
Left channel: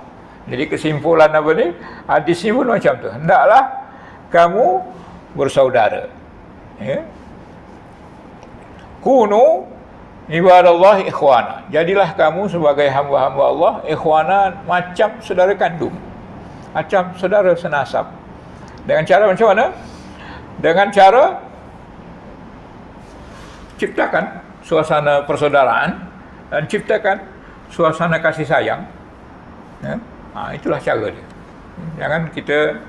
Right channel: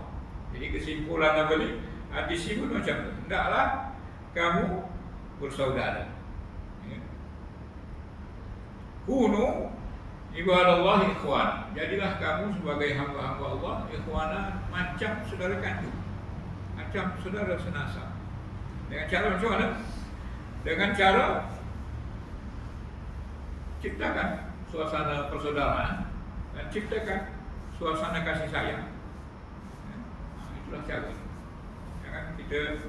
Jadi kesimpulan apa ni, hadis ni pun macam tu, hendaklah kamu bersaudara. Kunu ibadallah ikhwana, jadilah kamu sebagai hamba-hamba Allah ikhwana, macam saudara kandung, macam saudara senasab. Dengan cara macam mana? Dengan cara ciptakan suasana persaudaraan dan ciptakan suasana kasih sayang. Itulah cara dia. Jangan kita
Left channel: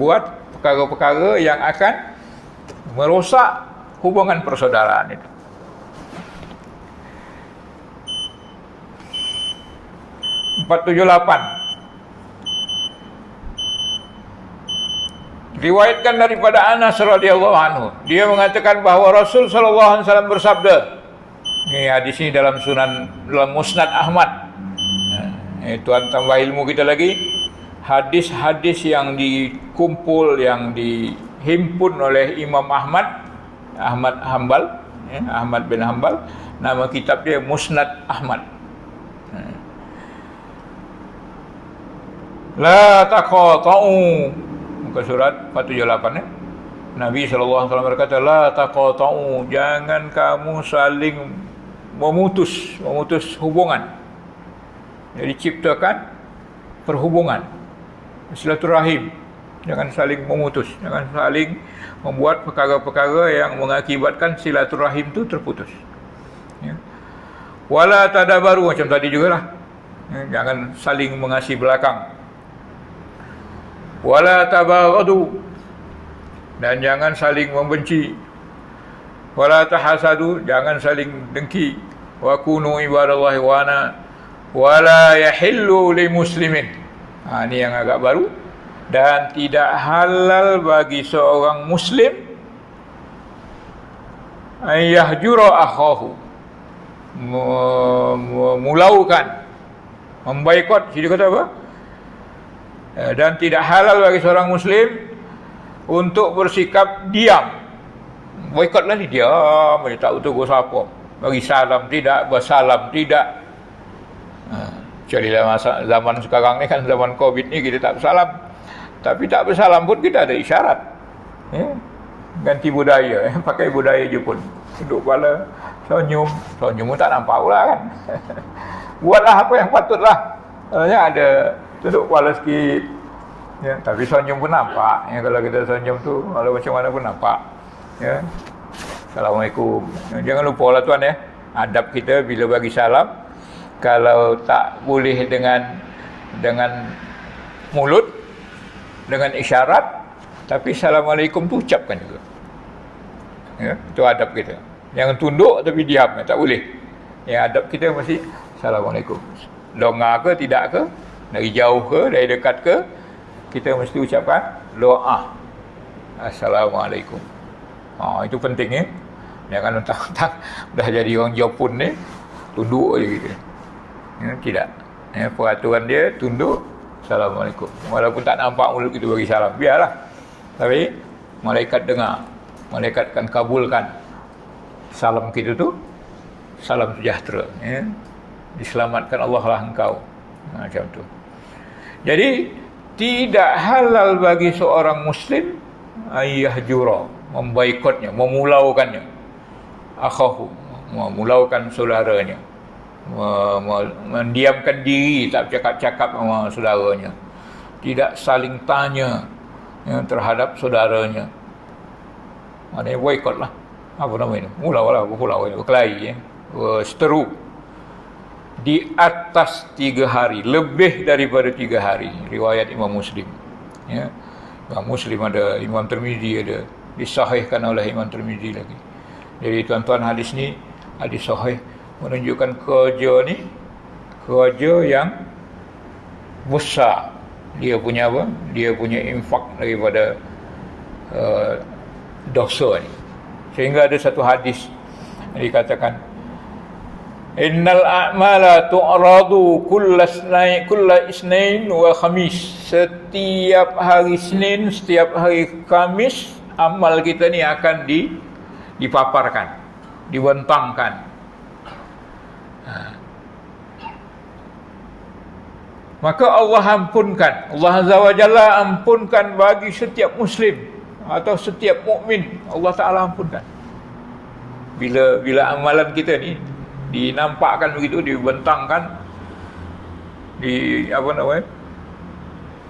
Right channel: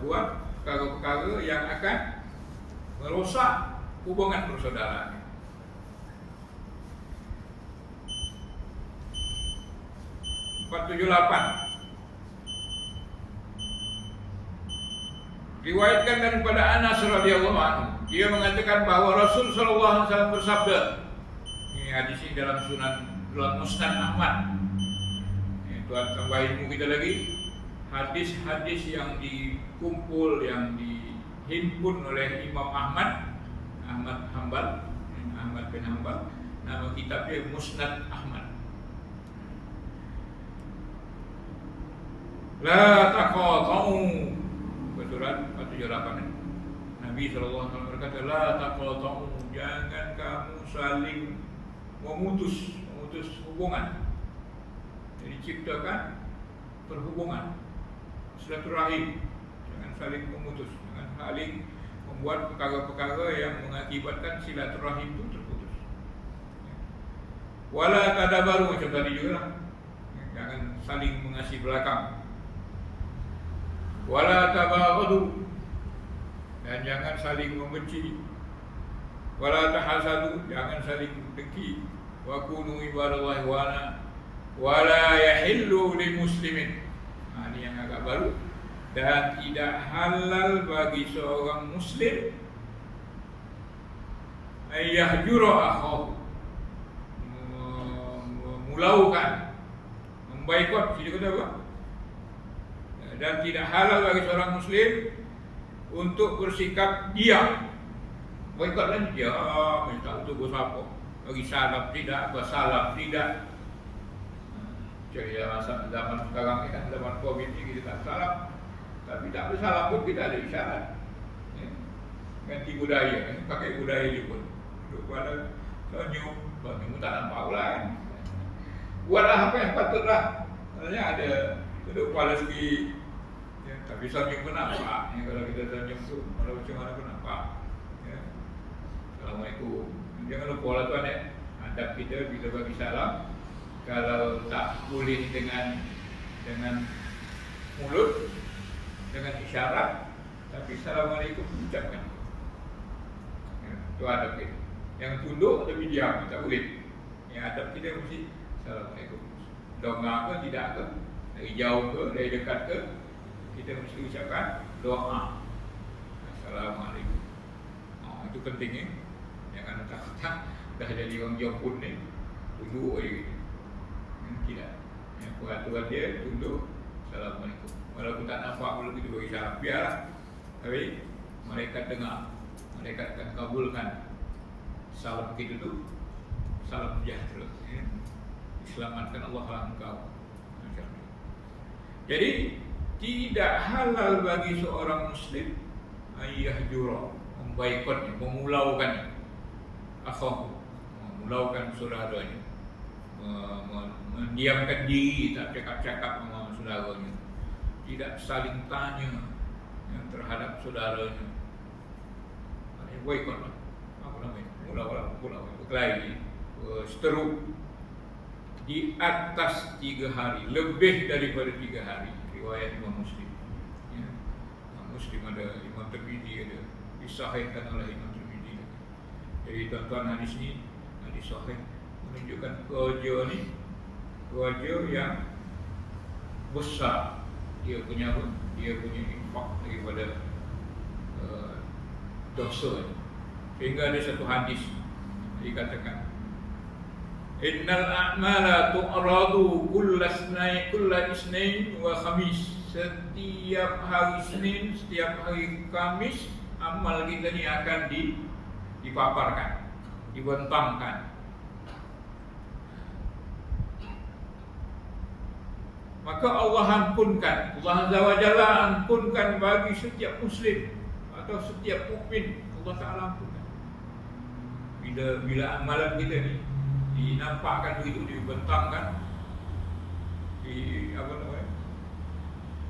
buat perkara-perkara yang akan merosak hubungan persaudaraan itu. 478. Riwayatkan daripada Anas radhiyallahu anhu, dia mengatakan bahawa Rasul sallallahu alaihi wasallam bersabda. Ini hadis ini dalam Musnad Ahmad. Tuan tambah ilmu kita lagi. Hadis-hadis yang dikumpul, yang dihimpun oleh Imam Ahmad Hanbal, Ahmad bin Hanbal. Nama kitab dia Musnad Ahmad. La taqata'u, muka surat 478 Nabi SAW berkata, la taqata'u, jangan kamu saling memutus hubungan. Jadi ciptakan perhubungan, silaturahim. Jangan saling memutus, jangan saling membuat perkara-perkara yang mengakibatkan silaturahim itu terputus. Ya. Wala tadabaru, macam tadi jugalah. Ya, jangan saling mengasihi belakang. Wala tabaghadu, dan jangan saling membenci. Wala tahasadu, jangan saling dengki. Wa kunu ibadallahi wana wala yahillu li muslimin. Ini yang agak baru. Dan tidak halal bagi seorang muslim ayyahjura akhahu, memulaukan, memboikot. Dia kata apa? Dan tidak halal bagi seorang muslim untuk bersikap diam. Boikotlah ni, diam, dia tak betul siapa. Bagi salam tidak, bersalam tidak. Kecuali zaman sekarang ni kan, zaman Covid ni kita tak bersalam. Tapi tak bersalam pun kita ada isyarat. Ganti budaya, pakai budaya Jepun. Duduk kepala, senyum pun tak nampak pula kan. Buatlah apa yang patutlah. Ada duduk kepala sikit, ya, tapi senyum pun nampak. Ya, kalau kita senyum tu, kalau macam mana pun nampak. Ya. Assalamualaikum. Jangan lupa lah tuan ya, adab kita bila bagi salam, kalau tak boleh dengan mulut, dengan isyarat, tapi assalamualaikum tu ucapkan juga. Ya, itu adab kita. Jangan tunduk tapi diam, tak boleh. Ya, adab kita mesti assalamualaikum. Longgar ke tidak ke, dari jauh ke, dari dekat ke, kita mesti ucapkan doa assalamualaikum. Itu penting ya. Jangan mentang-mentang dah jadi orang Jepun ni tunduk je gitu. Ya, tidak. Ya, peraturan dia tunduk assalamualaikum. Walaupun tak nampak mulut kita bagi salam, biarlah. Tapi malaikat dengar, malaikat akan kabulkan salam kita tu salam sejahtera. Ya. Diselamatkan Allah lah engkau. Macam tu. Jadi tidak halal bagi seorang muslim ayyahjura, memboikotnya, memulaukannya, akhahu, memulaukan saudaranya, mendiamkan diri, tak cakap-cakap sama saudaranya, tidak saling tanya terhadap saudaranya. Maknanya boikot lah. Apa nama itu? Mulau lah, berkelahi, seteru. Di atas 3 hari, lebih daripada 3 hari. Riwayat Imam Muslim. Ya. Imam Muslim ada, Imam Tirmizi ada, disahihkan oleh Imam Tirmizi lagi. Jadi tuan-tuan, hadis ni hadis sahih, menunjukkan kerja ni kerja yang besar. Dia punya apa? Dia punya infak daripada dosa ni. Sehingga ada satu hadis yang dikatakan, innal a'mala tu'radu kulla isnain wa khamis. Setiap hari Isnin, setiap hari Khamis, amal kita ni akan dipaparkan, dibentangkan. Maka Allah ampunkan, Allah Azza wa Jalla ampunkan bagi setiap muslim atau setiap mukmin. Allah Ta'ala ampunkan. Bila amalan kita ni dinampakkan begitu, dibentangkan,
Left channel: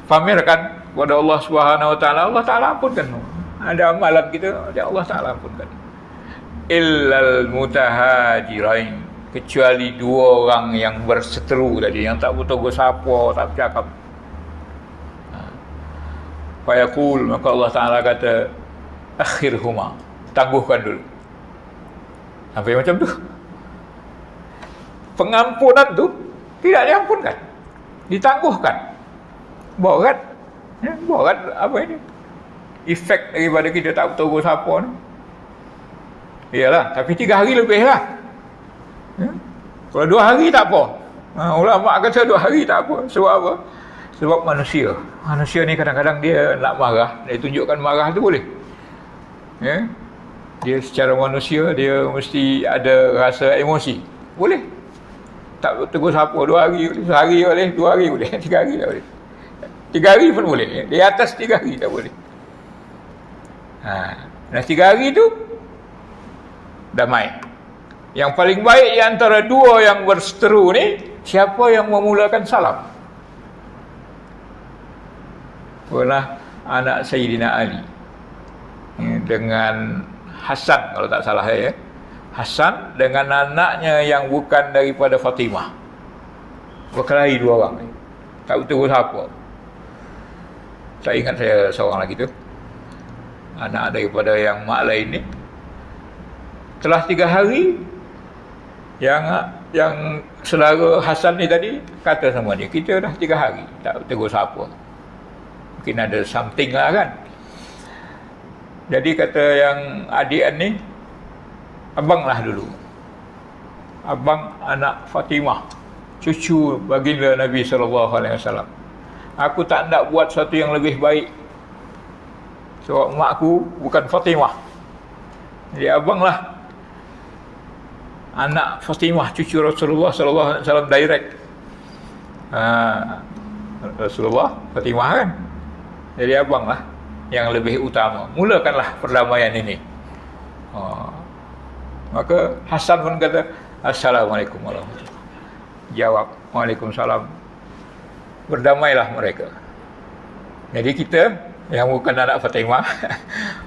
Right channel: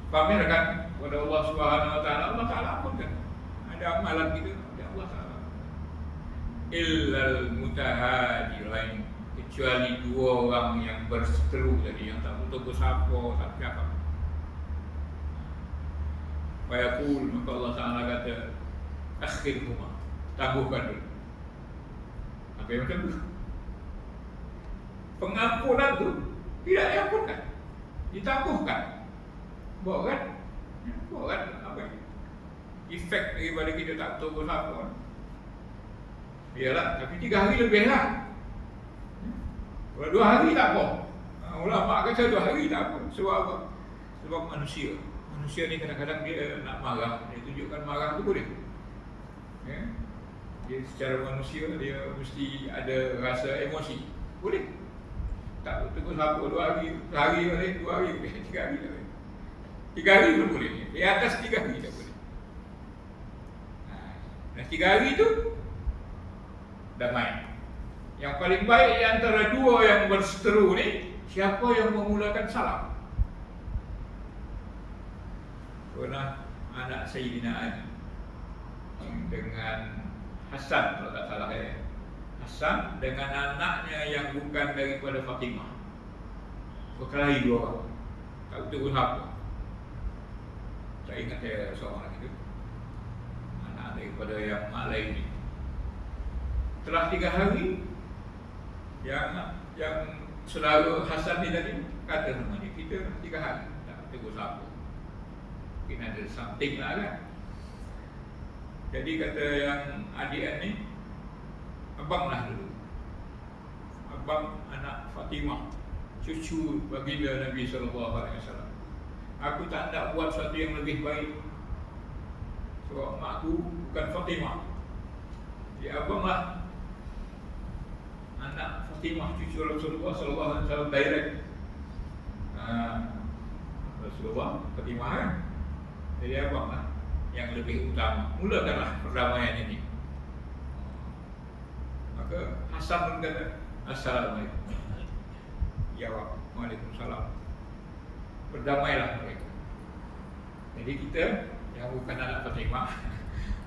pamerkan kepada Allah Subhanahu wa taala, Allah Taala ampunkan. Ada amalan kita, Allah Taala ampunkan. Illal mutahajirain, kecuali 2 orang yang berseteru tadi, yang tak betul bersapa, tak bercakap. Fayaqul, maka Allah Taala kata, akhirhuma, tangguhkan dulu. Sampai macam tu. Pengampunan tu tidak diampunkan. ditangguhkan. Berat. Ya, berat apa ini? Efek daripada kita tak bertegur siapa ni. Iyalah, tapi 3 hari lebih lah. Ya? Kalau 2 hari tak apa. Ulama kata 2 hari tak apa. Sebab apa? Sebab manusia. Manusia ni kadang-kadang dia nak marah. Dia tunjukkan marah tu boleh. Ya? Dia secara manusia, dia mesti ada rasa emosi. Boleh. Tak tegur siapa 2 hari, sehari boleh, 2 hari boleh, 3 hari tak boleh. 3 hari pun boleh. Di atas 3 hari tak boleh. Dan 3 hari tu damai. Yang paling baik di antara dua yang berseteru ni, siapa yang memulakan salam? Pernah anak Sayyidina Ali dengan Hasan, kalau tak salah ya. Hasan dengan anaknya yang bukan daripada Fatimah. Berkelahi 2 orang ni. Tak betul siapa. Saya ingat saya seorang lagi tu. Anak daripada yang mak lain ni. Telah 3 hari yang saudara Hasan ni tadi kata sama dia, kita dah 3 hari tak tegur siapa. Mungkin ada something lah kan. Jadi kata yang adik ni, abang lah dulu. Abang anak Fatimah, cucu baginda Nabi SAW. Aku tak nak buat sesuatu yang lebih baik. Sebab makku bukan Fatimah. Jadi abang lah anak Fatimah, cucu Rasulullah SAW direct. Rasulullah, Fatimah kan. Jadi abang lah yang lebih utama. Mulakanlah perdamaian ini. Maka Hasan pun kata, Assalamualaikum warahmatullahi wabarakatuh. Jawab, Waalaikumsalam. Berdamailah mereka. Jadi kita yang bukan anak Fatimah,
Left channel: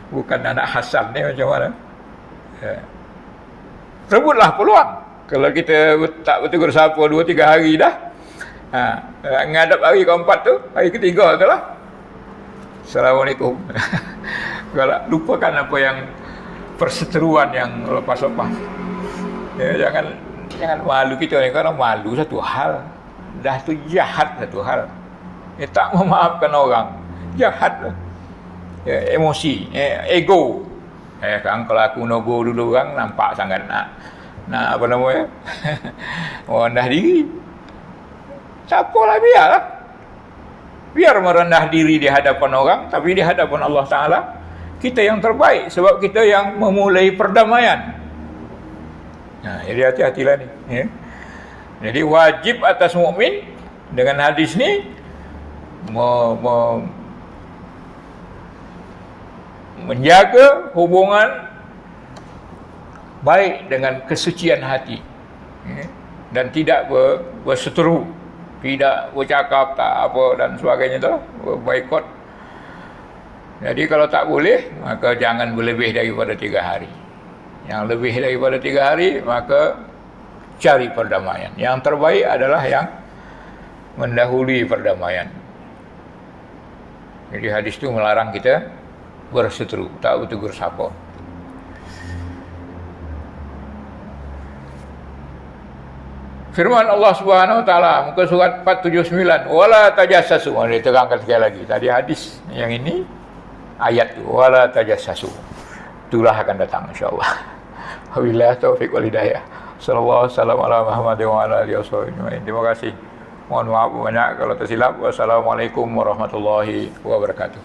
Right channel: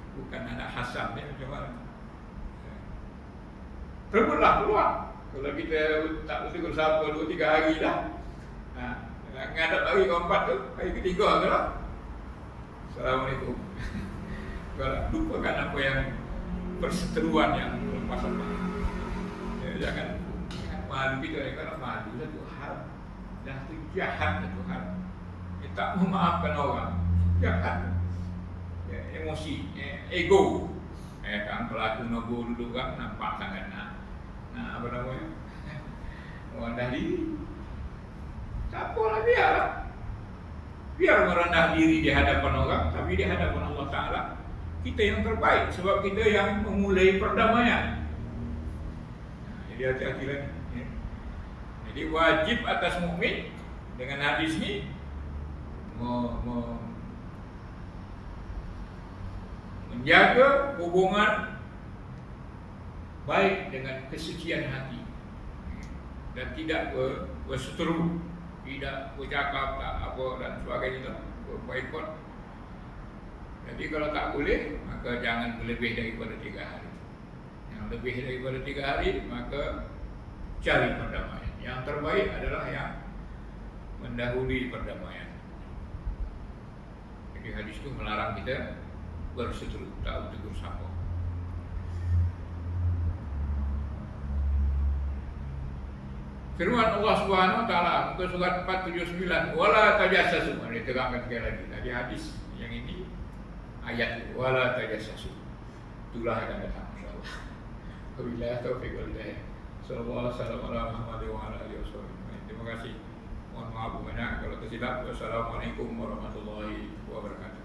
bukan anak Hasan ni macam mana? Rebutlah peluang. Kalau kita tak bertegur siapa 2-3 hari dah, ngadap hari keempat tu, hari ketiga tu lah, Assalamualaikum. Kalau lupakan apa yang perseteruan yang lepas-lepas. Ya, jangan malu kita ni. Kalau malu satu hal, dah tu jahat satu hal. Tak memaafkan orang, jahat lah. Ya, emosi, ego. Kan kalau aku nogo dulu orang nampak sangat nak apa namanya? Merendah diri. Siapalah biarlah. Biar merendah diri di hadapan orang, tapi di hadapan Allah Ta'ala kita yang terbaik, sebab kita yang memulai perdamaian. Jadi hati-hatilah ni. Ya. Jadi wajib atas mukmin dengan hadis ni menjaga hubungan baik dengan kesucian hati, dan tidak berseteru, tidak bercakap tak apa dan sebagainya tu, boikot. Jadi kalau tak boleh, maka jangan berlebih daripada 3 hari. Yang lebih daripada 3 hari, maka cari perdamaian. Yang terbaik adalah yang mendahului perdamaian. Jadi hadis itu melarang kita berseteru, tak bertegur siapa. Firman Allah Subhanahu wa taala muka surat 479, wala tajassasu. Dia terangkan sekali lagi. Tadi hadis, yang ini ayat tu, wala tajassasu. Itulah akan datang insya-Allah. Wabillahi taufiq wal hidayah. Sallallahu alaihi wasallam ala Muhammadin wa ala alihi wasallam. Terima kasih. Mohon maaf banyak kalau tersilap. Wassalamualaikum warahmatullahi wabarakatuh.